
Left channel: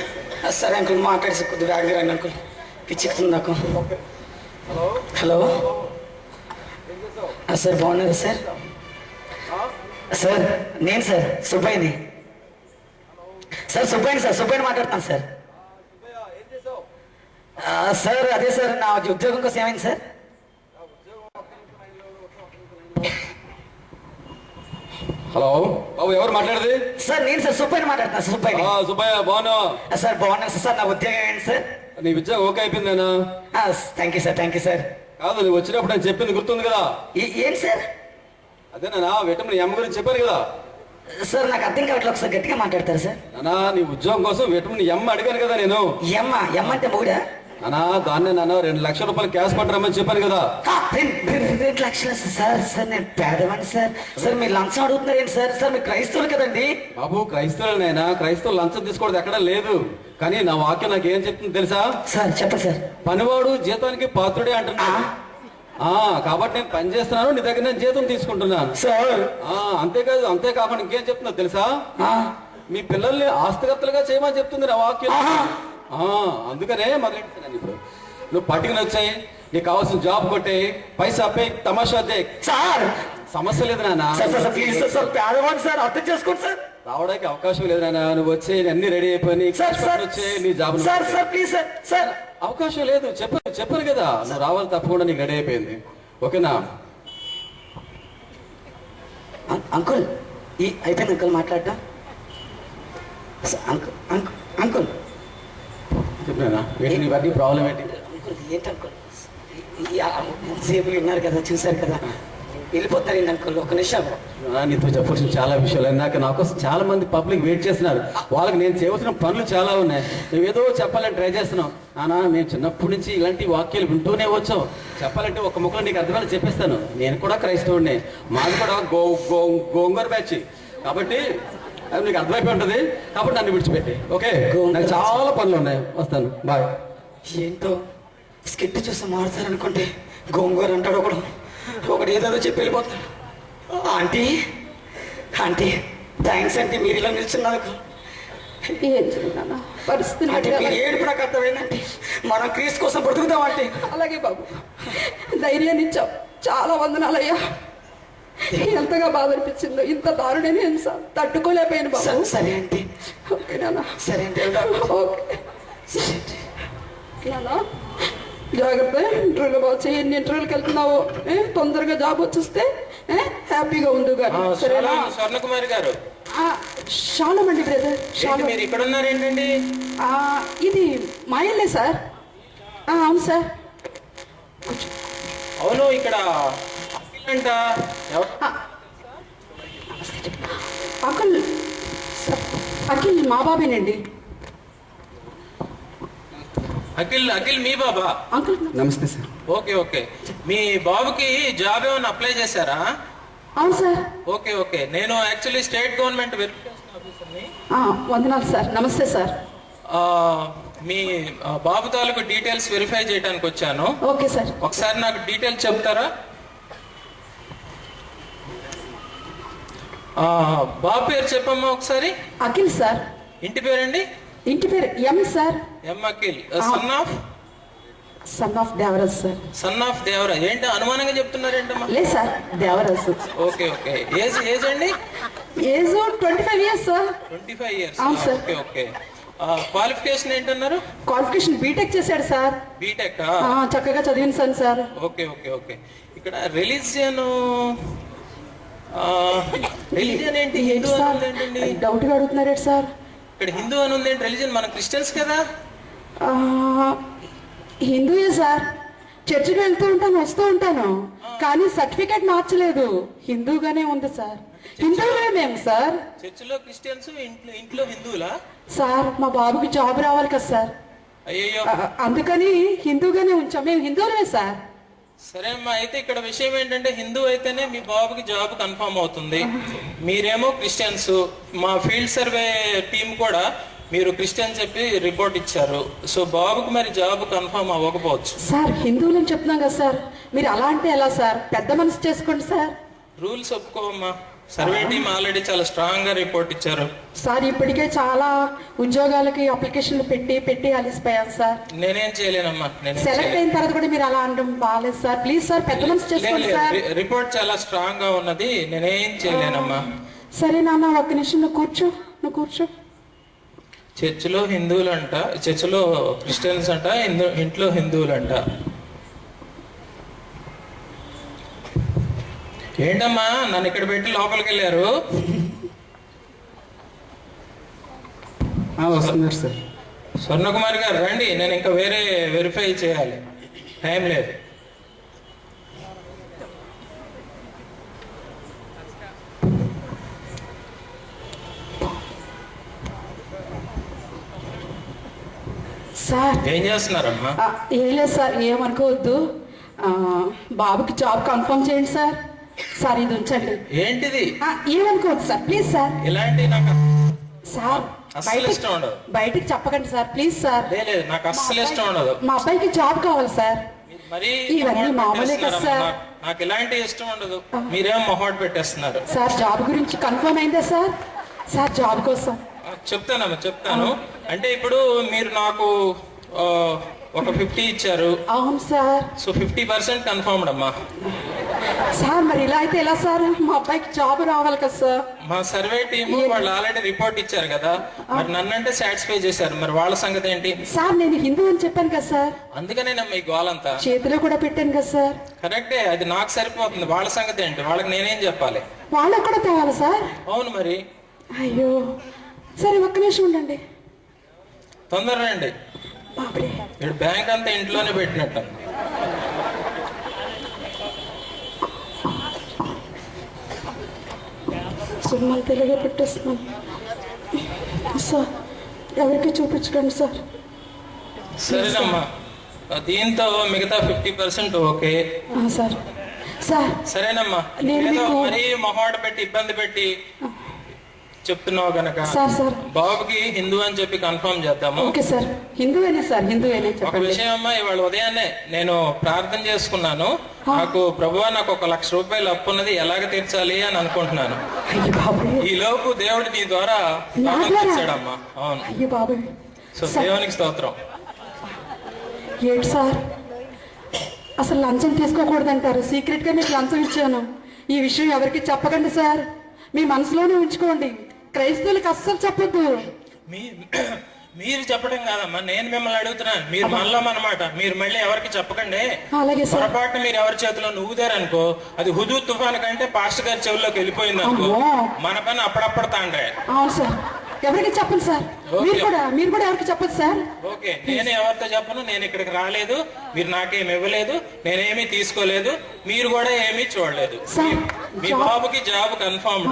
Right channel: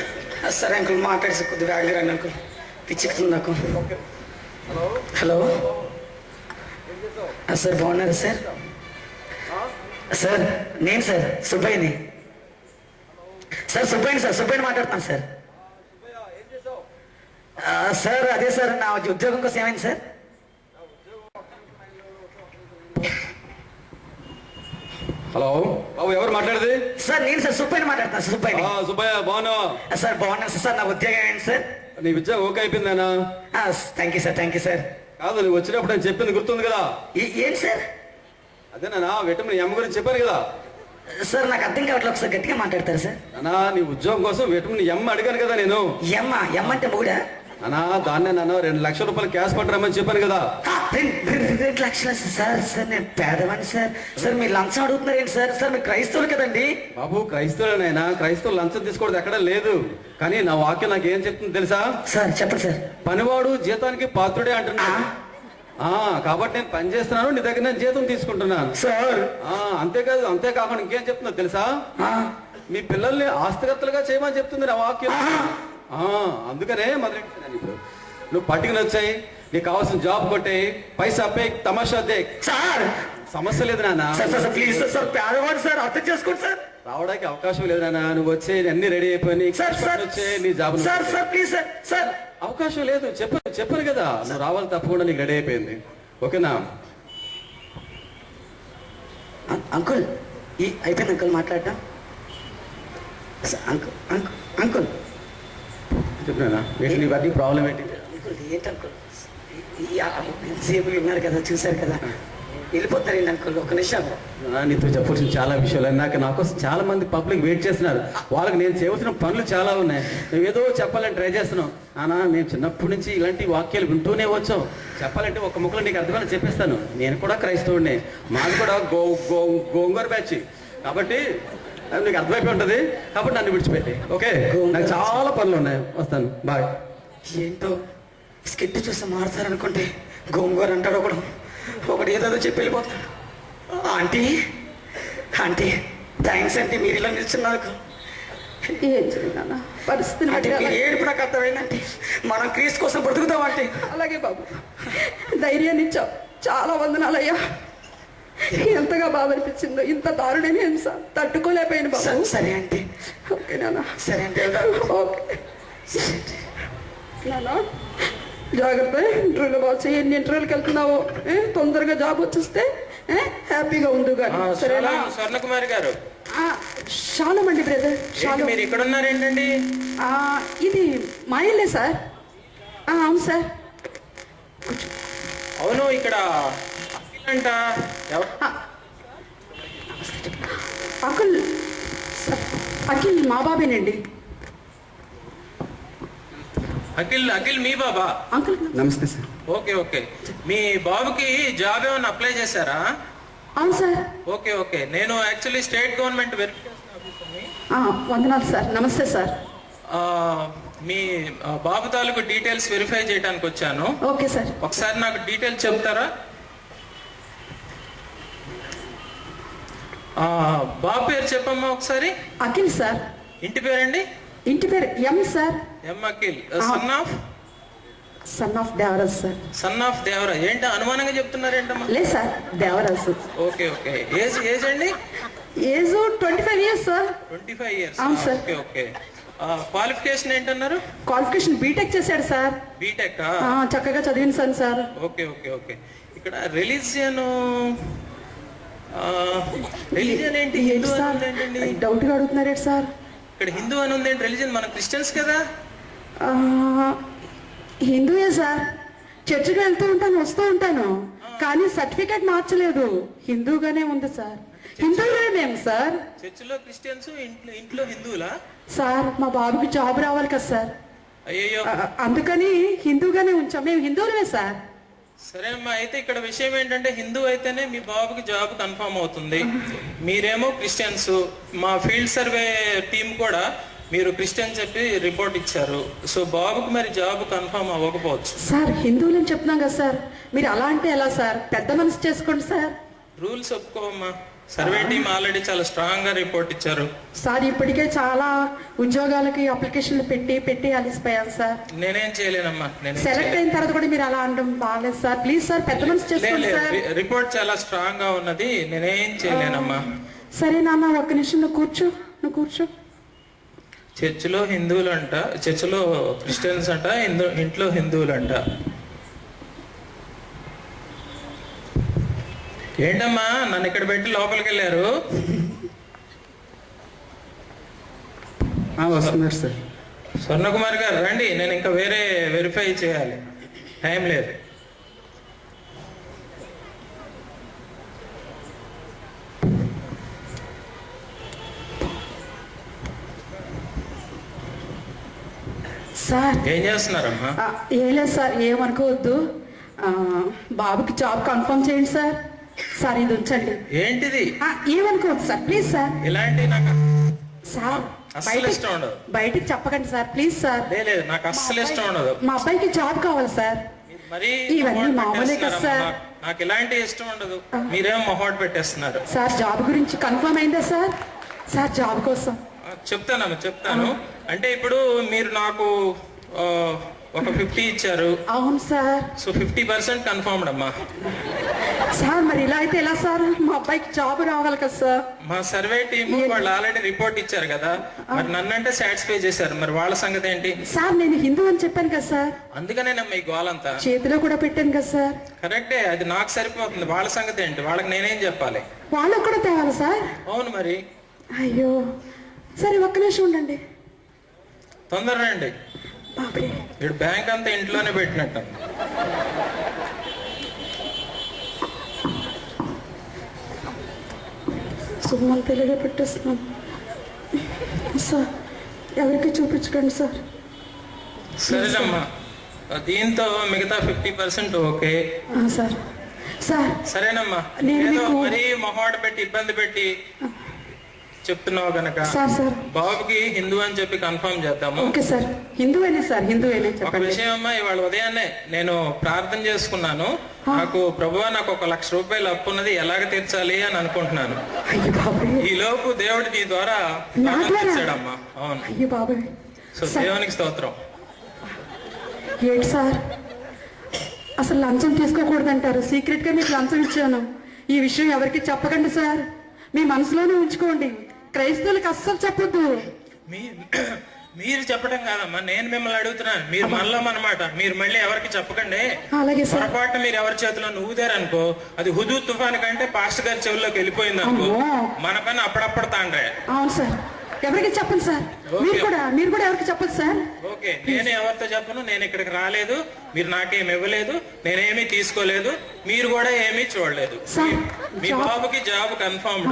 సరే అంకుల్, మాట్లాడేసి కొద్దిగా ఆగిరండి అంకుల్, పిచ్చెక్కుతుంది నాకు. హలో సార్, బాగున్నారు సార్? సార్ నేను సార్ సుబ్బయ్యని సార్, సుబ్బయ్యని మాట్లాడుతాను సార్. సార్ అదే సార్, నా ఉద్యోగం కోసం ఏమైంది సార్? హలో బాబు, ఎవరు మాట్లాడేది? సార్ నేను సార్ సుబ్బయ్యని మాట్లాడుతాను సార్. సుబ్బయ్య, బాగున్నావా? సార్ బాగున్నాను సార్. నా ఉద్యోగం ఏంటి సార్? నీ ఉద్యోగం ఓకే అయిపోయిందేనా? Thank you sir. కాదు, నువ్వు వచ్చినప్పుడు నేను చెప్పింది గుర్తుంది కదా? ఏంటి సార్? అదేనా విటమిన్ ఎం గురించి చెప్పాను కదా? సార్ నాకు అర్థం కావట్లేదు, ఒకసారి గట్టిగా మాట్లాడతారు సార్. నానా, నీ ఉద్యోగం కోసం విటమిన్ ఎం అడిగాను కదా నేను. ఎం అంటే మూడా? నానా, దాన్నే నాన్న 2 లక్షల రూపాయలు క్యాష్ పట్టరమ్మని చెప్పాను కదా. 2 లక్షలు సార్? సార్ నేను పేదవాడిని సార్. సార్ మీరు లంచం అడుగుతున్నారు ఏంటి సార్? సార్ మీరు క్రైస్తవులు కదండి? బాబు, క్రైస్తవులనైనా లంచం తీసుకోవడం ఎక్కడా లేదు. కానీ నా వాక్యం నాకు ఏం చెప్తుంది తెలుసా? సార్ చెప్పండి సార్. పనివాడు జీతానికి పాత్రుడే అంటున్నా. కాబట్టి నేను పని చేస్తున్నాను, నీ దగ్గర నేను జీతం తీసుకుంటున్నాను సార్. అంతేకాకుండా ఇంకేం చెప్తుందో తెలుసా? మీ పిల్లల్ని ఆస్తికర్తలుగా చేయమని చెప్తుంది నా వాక్యం. అందుకనే మొదలెట్టాను. ఇప్పుడు నువ్వు పట్టుకుని వచ్చాయి, నీకు కావాల్సిన జాబ్ కొట్టాయి, పైసా పే, తమాషా దే. సార్ సమస్య లేదు నాన్న. ప్లీజ్ సార్, పేదవాడు సార్, అర్థం చేసుకోండి సార్. రావడానికి అవకాశం లేదు నాన్న. నువ్వు వచ్చే అన్ని రెడీ అయిపోయి వచ్చే నీ జాబ్. Sir please sir. అవకాశం లేదు, చెప్పాను కదా, నువ్వు రావాలి, తప్పకుండా నీకు రెడీ అయిపోయింది. ఓకేనా అంకుల్? అయిపోయింది అంకుల్ మాట్లాడటం. అంకుల్ చెప్పినా ఇవన్నీ ప్రాబ్లం ఏంటి? ఏంటి అంకుల్? ఎంతసేపు విన్నారు కదా, చూశారు కదా, వెళ్ళిపోతారండి అంకుల్. ఒక నిమిషం. నీతో చెప్పాల్సిన చాలా విషయాలు. నా కోసం చాలా మంది పబ్లిక్ వెయిట్ చేస్తున్నారు. వాళ్ళకి నేను చేయవలసిన పనులు చాలా ఉన్నాయి. నువ్వేదో చెప్పాలని ట్రై చేస్తున్నావు. నేను చిన్నప్పటి నుంచి ఇలాంటి వాక్యాలు వింటూనే వచ్చావు. చెప్పాలంటే ఒక ముక్కలో నీకు అర్థమని చెప్పేస్తాను. నేను కూడా క్రైస్తవుడిని, మాది కూడా గోంగూర బ్యాచ్. కాబట్టి అది నీకు అర్థమైపోయి ఉంటుంది. కాబట్టి నన్ను విడిచిపెట్టి, ఓకే? నాకు చాలా పనులు ఉన్నాయి, వస్తాను, బాయ్. ఏంటో స్కిట్ చూసి మారుతారనుకుంటే గోంగూర అంటాడు ఒకడు ఏదో చెప్పి వెళ్ళిపోతాడు. ఆంటీ థ్యాంక్స్ అంటే మీరు ఇలా నిల్చున్నందుకు. ఏం చేయనా పరిస్థితి ఏడుపు నాకు అర్థమైందంటే మనం క్రీస్తు కోసం బ్రతుకుతామంటే. అలాగే బాబు, ధైర్యాన్ని ఇచ్చావు, చాలా వందనాలయ్యా. ఎంతగా బాధ అనిపించిందో, ఇంత దారుణని తట్టుకోలేకపోయాను బాబు. సరే అంటే ఓకే నాన్న. సరే అంటే ఓకే నాన్న, జాగ్రత్త. ఇంటర్వ్యూలో బాగా చేయి. ఎన్ని ఇంటర్వ్యూకి వెళ్తున్నావు? తొందరగా జాబ్ వచ్చేస్తే హ్యాపీగా ఉండు. కానీ సరేనా? స్వర్ణకుమారి గారు, శాలమండి బ్రదర్. మీరు ఇక్కడ ఉన్నారేంటండి? ఇది మా ఇల్లే సార్. అవును సార్. అవును, ఇక్కడ అంట అఖిల్ మా బాబేనండి. అఖిల్ మీ బాబా? అంకుల్ నమస్తే సార్. ఓకే. మీ బాబుకి జాబ్ ఏమైనా అప్లై చేశారా? అవును సార్. ఓకే. నేను యాక్చువల్లీ స్టేట్ గవర్నమెంట్ వెరిఫికేషన్ ఆఫీసర్ని. వందనాలు సార్. నమస్తే సార్. మీ బాబు తాలూకు డీటెయిల్స్ వెరిఫై చేయడానికి వచ్చాను. Okay sir. ఒకసారి నాకు డీటెయిల్స్ చెప్తారా? బాబు పేరు చెప్పమ్మా ఒకసారి. అఖిల్ సార్. ఇంటి పేరండి? ఇంటి పేరు M sir. M Akhil. Son of Devaraj sir. Son of Devaraj. ఏంటి అనుమానంగా చెప్తున్నారేంటమ్మా? లేదు సార్, దేవరాజ్. ఓకే. ఏజ్ అండి? Age 25 years sir. 25 ఇయర్స్. అవును సార్. Okay okay. క్వాలిఫికేషన్ ఏంటన్నారు? క్వాలిఫికేషన్ బీటెక్ చేశాడు సార్. బీటెక్. చక్కగా చదివించాను సార్. Okay okay okay. ఇక్కడ రిలీజియన్ ఏంటి? హిందూ అని ఉంది ఏంటండి? డౌట్ గా అడుగుతున్నారే సార్. ఇక్కడ హిందూ అని ఉంది ఏంటి? రిలీజియన్ మనం క్రిస్టియన్స్ కదా. హిందూయే సార్. చర్చికి వెళ్తూ ఉంటాను, వస్తూ ఉంటాను, కానీ సర్టిఫికేట్ మార్చలేదు. హిందూగానే ఉంది సార్. హిందూగానే మేము సార్. చర్చిలో క్రిస్టియన్స్, ఇంట్లో హిందువులా సార్? మా బాబుకి జాబ్ రావాలి కదా సార్. అయ్యో. అందుకని హిందూగానే ఉంచాం. మేము హిందువులమే సార్. సరే అమ్మా, అయితే ఇక్కడ విషయం ఏంటంటే హిందూ అయితేనే మీ బాబుకి జాబ్ కన్ఫర్మ్ అవుతుంది. మీరేమో క్రిస్టియన్స్. మా ఫీల్డ్ సర్వే టీం కూడా మీరు క్రిస్టియన్ చెప్పి రిపోర్ట్ ఇచ్చారు. సో బాబుకి మరి జాబ్ కన్ఫర్మ్ అవ్వకపోవచ్చు. సార్ హిందువులని చెప్తున్నాం కదా సార్, మీరు అలా అంటే ఎలా సార్? పెద్ద మనసు చేసుకోండి సార్. రూల్స్ ఒప్పుకోమ్మా. సర్వే టీం ఆల్రెడీ చాలా స్ట్రాంగ్ గా రిపోర్ట్ ఇచ్చారు సార్. ఇప్పటికే చాలా ఉద్యోగాలకి అప్లికేషన్లు పెట్టి అలిసిపోయాం సార్. నేనేం చేయలేనమ్మా. సెలెక్ట్ అయిన తర్వాత కూడా మీరు అలా అనడం బాగాలేదు సార్. ప్లీజ్ సార్ పెద్ద మనసు చేసుకోండి సార్. రిపోర్ట్ చాలా స్ట్రాంగ్ గా ఉన్నది. నేనేం చేయలేనమ్మా. సరే నాన్న, ఒక్క నిమిషం నువ్వు కూర్చో. చర్చిలో హిందువులు అంట, చర్చిలో క్రిస్టియన్స్ అంట, ఇంట్లో హిందువులు అంట. ఏంటమ్మా నన్ను ఇక్కడ పెట్టి లోపలికి వెళ్ళారు? వస్తున్నారు సార్. స్వర్ణకుమార్ గారు రండి, నేను ఇంకా వేరే వెరిఫై చేయాలి, టైం లేదు. సార్ ఏం చేస్తున్నారమ్మా? ఏం లేదు సార్, ఏమనుకోవద్దు. బాబుకి జాబ్ కన్ఫర్మ్ చేయండి సార్. సార్ ఇది ఉంచండి. ఏంటిది? ఏమనుకోవద్దు సార్, ప్లీజ్ సార్. ఇలాంటి నాకు సార్ అస్సలు ఇష్టం ఉండదు. బయటికి చెప్పకండి సార్, ప్లీజ్ సార్. లేదు, నాకు అస్సలు ఇష్టం ఉండదు. మా అబ్బాయికి జాబ్ కావాలి సార్. మరి ఇవన్నీ మామూలే కదా సార్. నాకు ఇలాంటి ఇష్టం ఉండదు. మీరేమో మొహోట్ పెట్టేస్తున్నారు. సార్ జాబ్ గురించి కన్ఫర్మ్ అయిందా సార్? సార్ జాబ్ కోసం చెప్తాను. అంటే ఇప్పుడు మీరు నాకు ఒక 50 ఇచ్చారు. అవును సార్. సో 50% కన్ఫర్మ్డ్ అమ్మా. సార్ మరి ఇలా అయితే ఎలా సార్? మా అబ్బాయికి జాబ్ రావాలి కదా సార్. మా సర్వే టీమ్ వాళ్ళు ఆల్రెడీ రిపోర్ట్ ఇచ్చారు కదా, మరి నన్నంటే సాటిస్ఫై చేశారు. మరి వాళ్ళ సంగతి ఏంటి? సార్ నేను హిందూ అని చెప్పాను కదా సార్. అందుకనేనమ్మా ఈ గోలంతా. చేతిలో కూడా పెట్టాను కదా సార్. కరెక్టే, అది నాకు సరిపోతుంది. వాళ్ళ సంగతి ఏంటి? వాళ్ళకి నేనేం చెప్పాలి? వాళ్ళకు కూడా తేవాలి సార్. అవును మరి. అయ్యో సరే ఒక్క నిమిషం ఉండండి. తొందరగా రండి. బాబుడే ఇప్పుడు బ్యాంక్ అంతా ఇంట్లోనే పెట్టినట్టు. సుమ్మని తెలుగే పెట్టేస్తున్నాను సార్. ఎవరికి చూపించకండి సార్. సరేనమ్మా, దీంతో మిగతా 50% ఓకే సార్. సార్ సరేనమ్మా. ఏదో మరీ మొహాట పెట్టి ఇబ్బంది పెట్టి చెప్తున్నావు గనక బాబుకి హిందూ అని చెప్పి కన్ఫర్మ్ చేద్దాము. ఓకే సార్, హిందూవేనే సార్, హిందూవేనే. ఒక విషయం అమ్మా, ఇవాళ ఉదయాన్నే నేను ప్రార్థన చేసుకున్నాను. నాకు ప్రభువా నాకు 1,00,000 రూపాయలు అప్పు ఉన్నది, ఎలాగ తీర్చాలి అని అనుకుంటున్నాను. ఈ లోపు దేవుడు నీ ద్వారా తీర్చాడమ్మా. అవును. అయ్యో బాబు. సో దేవునికి స్తోత్రం. ఏంటి సార్ అసలు లంచం తీసుకోకూడదంటారు? సీక్రెట్ గా మీకు లంచం ఇచ్చాను. ఈ విషయం ఎవరికి చెప్పకండి సార్, మీ మనసులోనే ఉంచుకోండి. క్రైస్తవులకు అస్సలు చెప్పొద్దు. మీరు చెప్పడం కాదమ్మా, నేను మిమ్మల్ని అడుగుతున్నాను. మీరు మనలో అన్నమాట. మీరు మళ్ళీ ఎవరికి చెప్పకండి. అలాగే సార్. పొరపాటు మీరు ఎవరి చేతిలో ఊదారనుకో, అది హుదూ తుఫాను కంటే పాస్టర్ గారి చెవుల్లోకి వెళ్ళిపోయింది అనుకో, మన పని అప్పుడప్పుడు తాండ్రే. అవును సార్, ఎవరికి చెప్పండి సార్. మీరు కూడా ఎవరికి చెప్పదు సార్. ఓకే, నేను ఎవరితో చెప్పను. నేను ఇక్కడికి రాలేదు, మీరు నాకేమి ఇవ్వలేదు, నేనేమీ తీసుకోలేదు, మీరు కూడా ఏమీ చూడలేదు. మీ బాబుకి జాబ్ కన్ఫర్మ్డ్.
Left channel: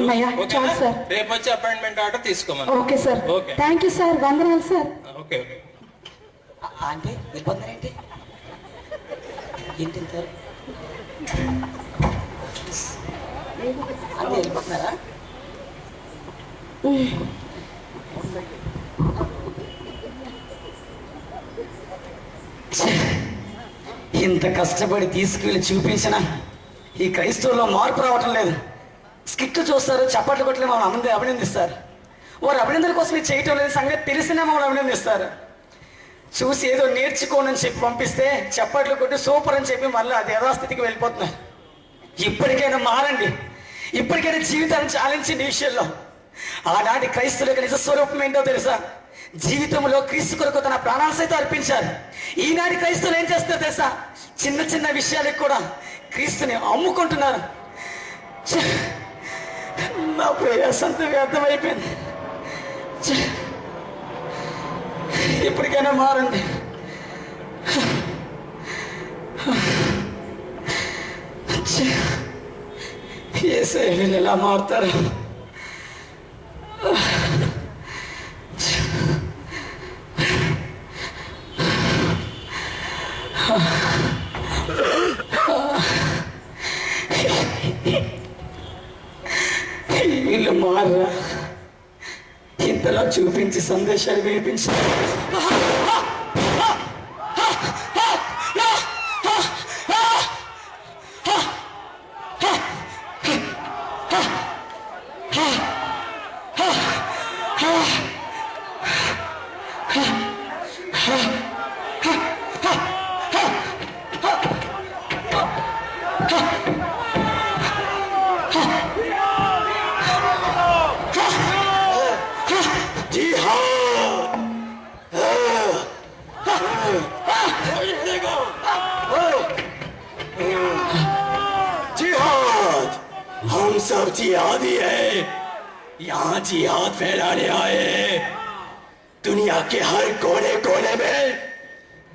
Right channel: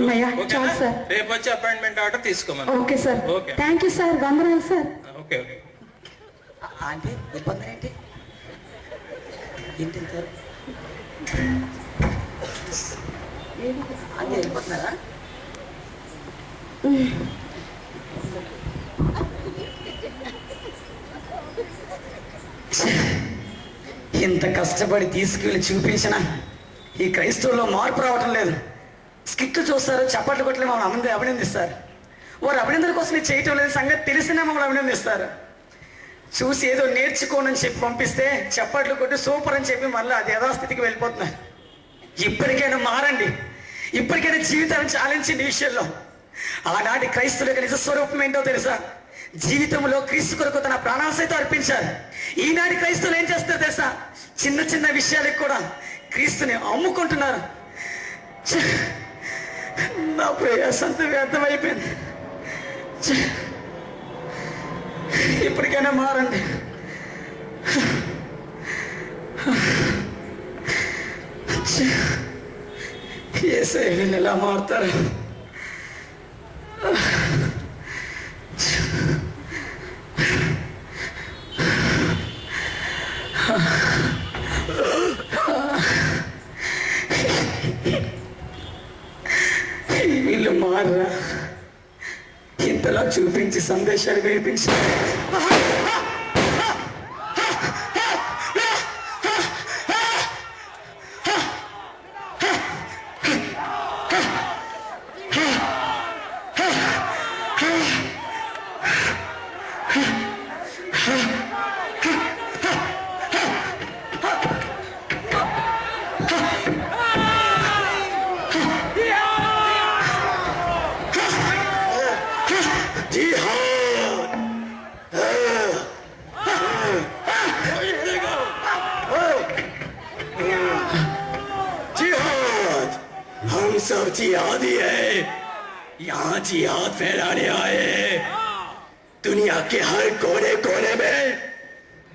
రేపు వచ్చి అపాయింట్మెంట్ ఆర్డర్ తీసుకోమని. Okay sir. Thank you sir, వందనాలు సార్. ఓకే. అంటే ఇబ్బంది ఏంటి? ఏంటి సార్ అంటే వెళ్ళిపోతున్నారా? ఇంత కష్టపడి తీసుకువెళ్ళి చూపించిన ఈ క్రైస్తవుల్లో మార్పు రావటం లేదు. స్కిట్ చూస్తారు, చప్పట్లు కొట్టలే మమ్మల్ని అభినందిస్తారు. వారు అభినందన కోసం ఇది చేయటం లేదు సంగతి తెలిసినా మమ్మల్ని అభినందిస్తారు. చూసి ఏదో నేర్చుకోండి అని చెప్పి పంపిస్తే చప్పట్లు కొట్టి సూపర్ అని చెప్పి మళ్ళీ అది యథాస్థితికి వెళ్ళిపోతున్నారు. ఇప్పటికైనా మారండి. ఇప్పటికైనా జీవితాన్ని చాలించింది ఈ విషయంలో. ఆనాటి క్రైస్తవుల యొక్క నిజ స్వరూపం ఏంటో తెలుసా? జీవితంలో క్రీస్తు కొరకు తన ప్రాణాలు సైతం అర్పించారు. ఈనాటి క్రైస్తవులు ఏం చేస్తారో తెలుసా? చిన్న చిన్న విషయాలకు కూడా క్రీస్తుని అమ్ముకుంటున్నారు. నా ప్రయాస అంత వ్యర్థమైపోయింది. ఇప్పటికైనా మారండి. యేసయ్య వీళ్ళు ఎలా మారుతారు? వీళ్ళు మారరా? ఇంతలా చూపించి సందేశాలు వినిపించి हम सब जिहादी है, यहाँ जिहाद फैलाने आए। दुनिया के हर कोने कोने में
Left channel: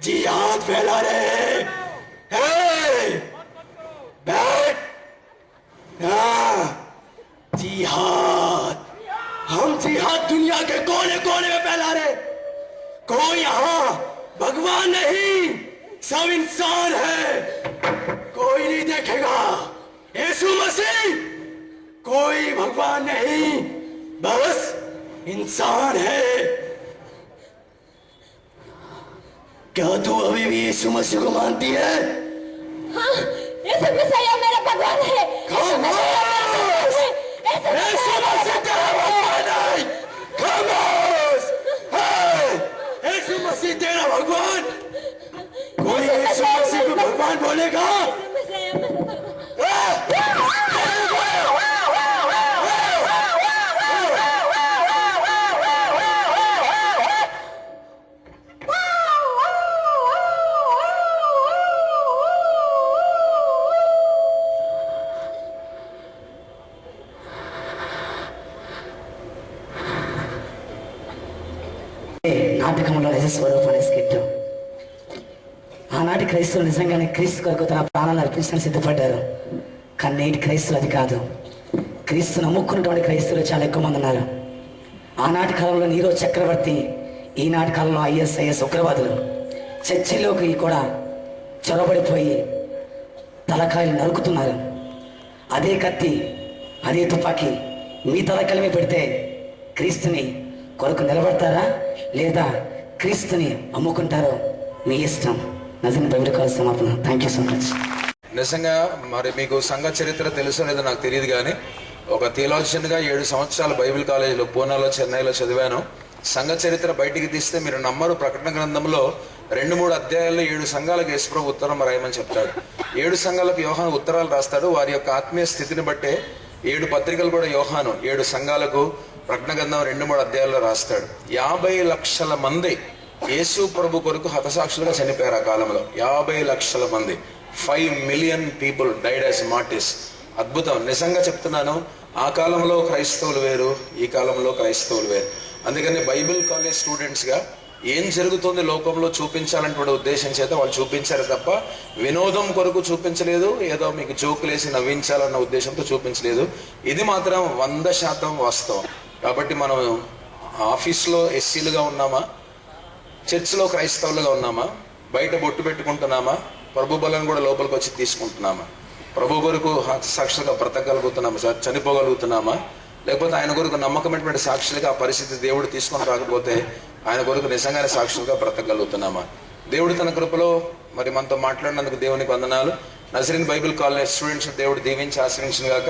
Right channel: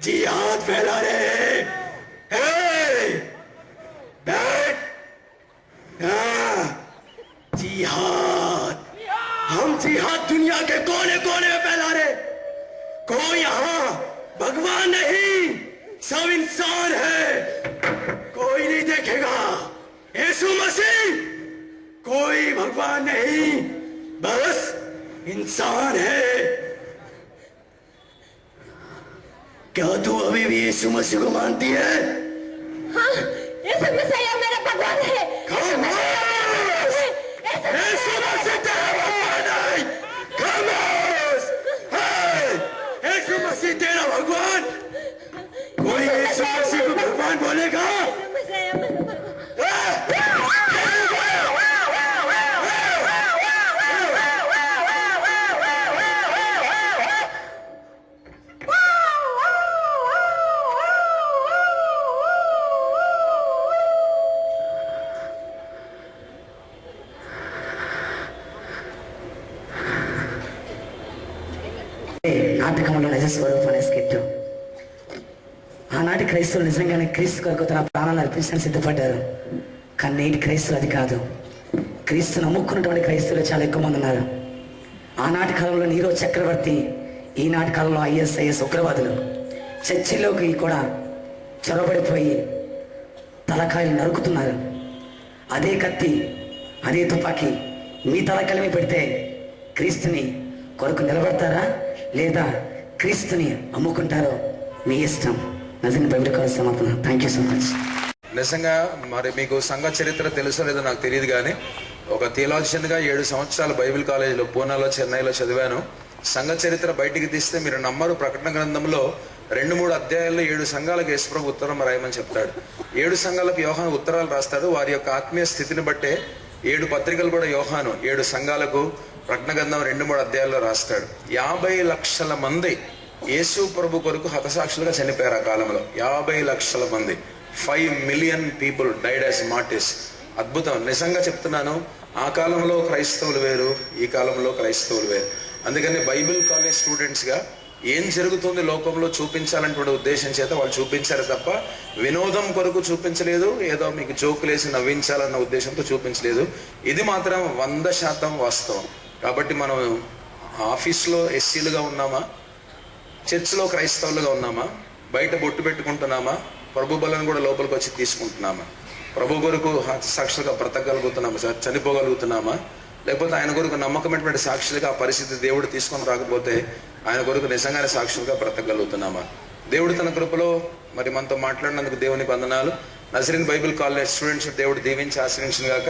जिहाद फैला रहे हैं। बैठ, जिहाद, हम जिहाद दुनिया के कोने कोने में फैला रहे। कोई यहाँ भगवान नहीं, सब इंसान है। कोई नहीं देखेगा यीशु मसीह, कोई भगवान नहीं, बस इंसान है। क्या तू अभी भी यीशु मसीह को मानती है? हाँ, यीशु मसीह मेरा भगवान है। यीशु मसीह तेरा भगवान है। खामोश! यीशु मसीह तेरा भगवान? कोई यीशु मसीह को भगवान बोलेगा? నాటకంలో నిజ స్వరూపం అనే స్కిట్. ఆనాటి క్రైస్తవులు నిజంగానే క్రీస్తు కొరకు తన ప్రాణాలను అర్పించడానికి సిద్ధపడ్డారు. కానీ నేటి క్రైస్తవులు అది కాదు. క్రీస్తును నమ్ముకున్నటువంటి క్రైస్తవులు చాలా ఎక్కువ మంది ఉన్నారు. ఆనాటి కాలంలో నీరో చక్రవర్తి, ఈనాటి కాలంలో ISIS ఉగ్రవాదులు చర్చిలోకి కూడా చొరబడిపోయి తలకాయలు నరుకుతున్నారు. అదే కత్తి, అదే తుపాకీ మీ తలకాయలమే పెడితే క్రీస్తుని కొరకు నిలబడతారా లేదా క్రీస్తుని అమ్ముకుంటారో మీ ఇష్టం. నజీర్ బైబిల్ కాలేజ్ సమాపన. Thank you so much. నిజంగా మరి మీకు సంఘ చరిత్ర తెలుసో లేదో నాకు తెలియదు, కానీ ఒక థియాలజియన్గా 7 సంవత్సరాలు బైబిల్ కాలేజీలో పూనాలో చెన్నైలో చదివాను. సంఘ చరిత్ర బయటికి తీస్తే మీరు నమ్మరు, ప్రకటన గ్రంథంలో 2-3 అధ్యాయాల్లో 7 సంఘాలకు యేసుప్రభు ఉత్తరం రాయమని చెప్తాడు. 7 సంఘాలకు యోహాను ఉత్తరాలు రాస్తాడు. వారి యొక్క ఆత్మీయ స్థితిని బట్టే 7 పత్రికలు కూడా యోహాను 7 సంఘాలకు ప్రకటన గ్రంథం 2-3 అధ్యాయాల్లో రాస్తాడు. 50 లక్షల మంది యేసు ప్రభు కొరకు హతసాక్షులుగా చనిపోయారు ఆ కాలంలో. 50 లక్షల మంది, 5 million people died as martyrs. అద్భుతం. నిజంగా చెప్తున్నాను, ఆ కాలంలో క్రైస్తవులు వేరు, ఈ కాలంలో క్రైస్తవులు వేరు. అందుకని బైబిల్ కాలేజ్ స్టూడెంట్స్గా ఏం జరుగుతుంది లోకంలో చూపించాలనే ఉద్దేశం చేత వాళ్ళు చూపించారు తప్ప వినోదం కొరకు చూపించలేదు, ఏదో మీకు జోకులేసి నవ్వించాలన్న ఉద్దేశంతో చూపించలేదు. ఇది మాత్రం 100% వాస్తవం. కాబట్టి మనం ఆఫీస్లో ఎస్సీలుగా ఉన్నామా, చర్చ్లో క్రైస్తవులుగా ఉన్నామా, బయట బొట్టు పెట్టుకుంటున్నామా, ప్రభు బలను కూడా లోపలికి వచ్చి తీసుకుంటున్నామా, ప్రభు కొరకు సాక్షులుగా బ్రతకగలుగుతున్నామా, చనిపోగలుగుతున్నామా, లేకపోతే ఆయన కొరకు నమ్మకమైనటువంటి సాక్షులుగా ఆ పరిస్థితి దేవుడు తీసుకొని రాకపోతే ఆయన కొరకు నిజంగానే సాక్షులుగా బ్రతకగలుగుతున్నామా? దేవుడు తన కృపలో మరి మనతో మాట్లాడినందుకు దేవునికి వందనాలు. నజరీన్ బైబిల్ కాలేజ్ స్టూడెంట్స్ దేవుడు దీవించి ఆశ్రయించిన గాక.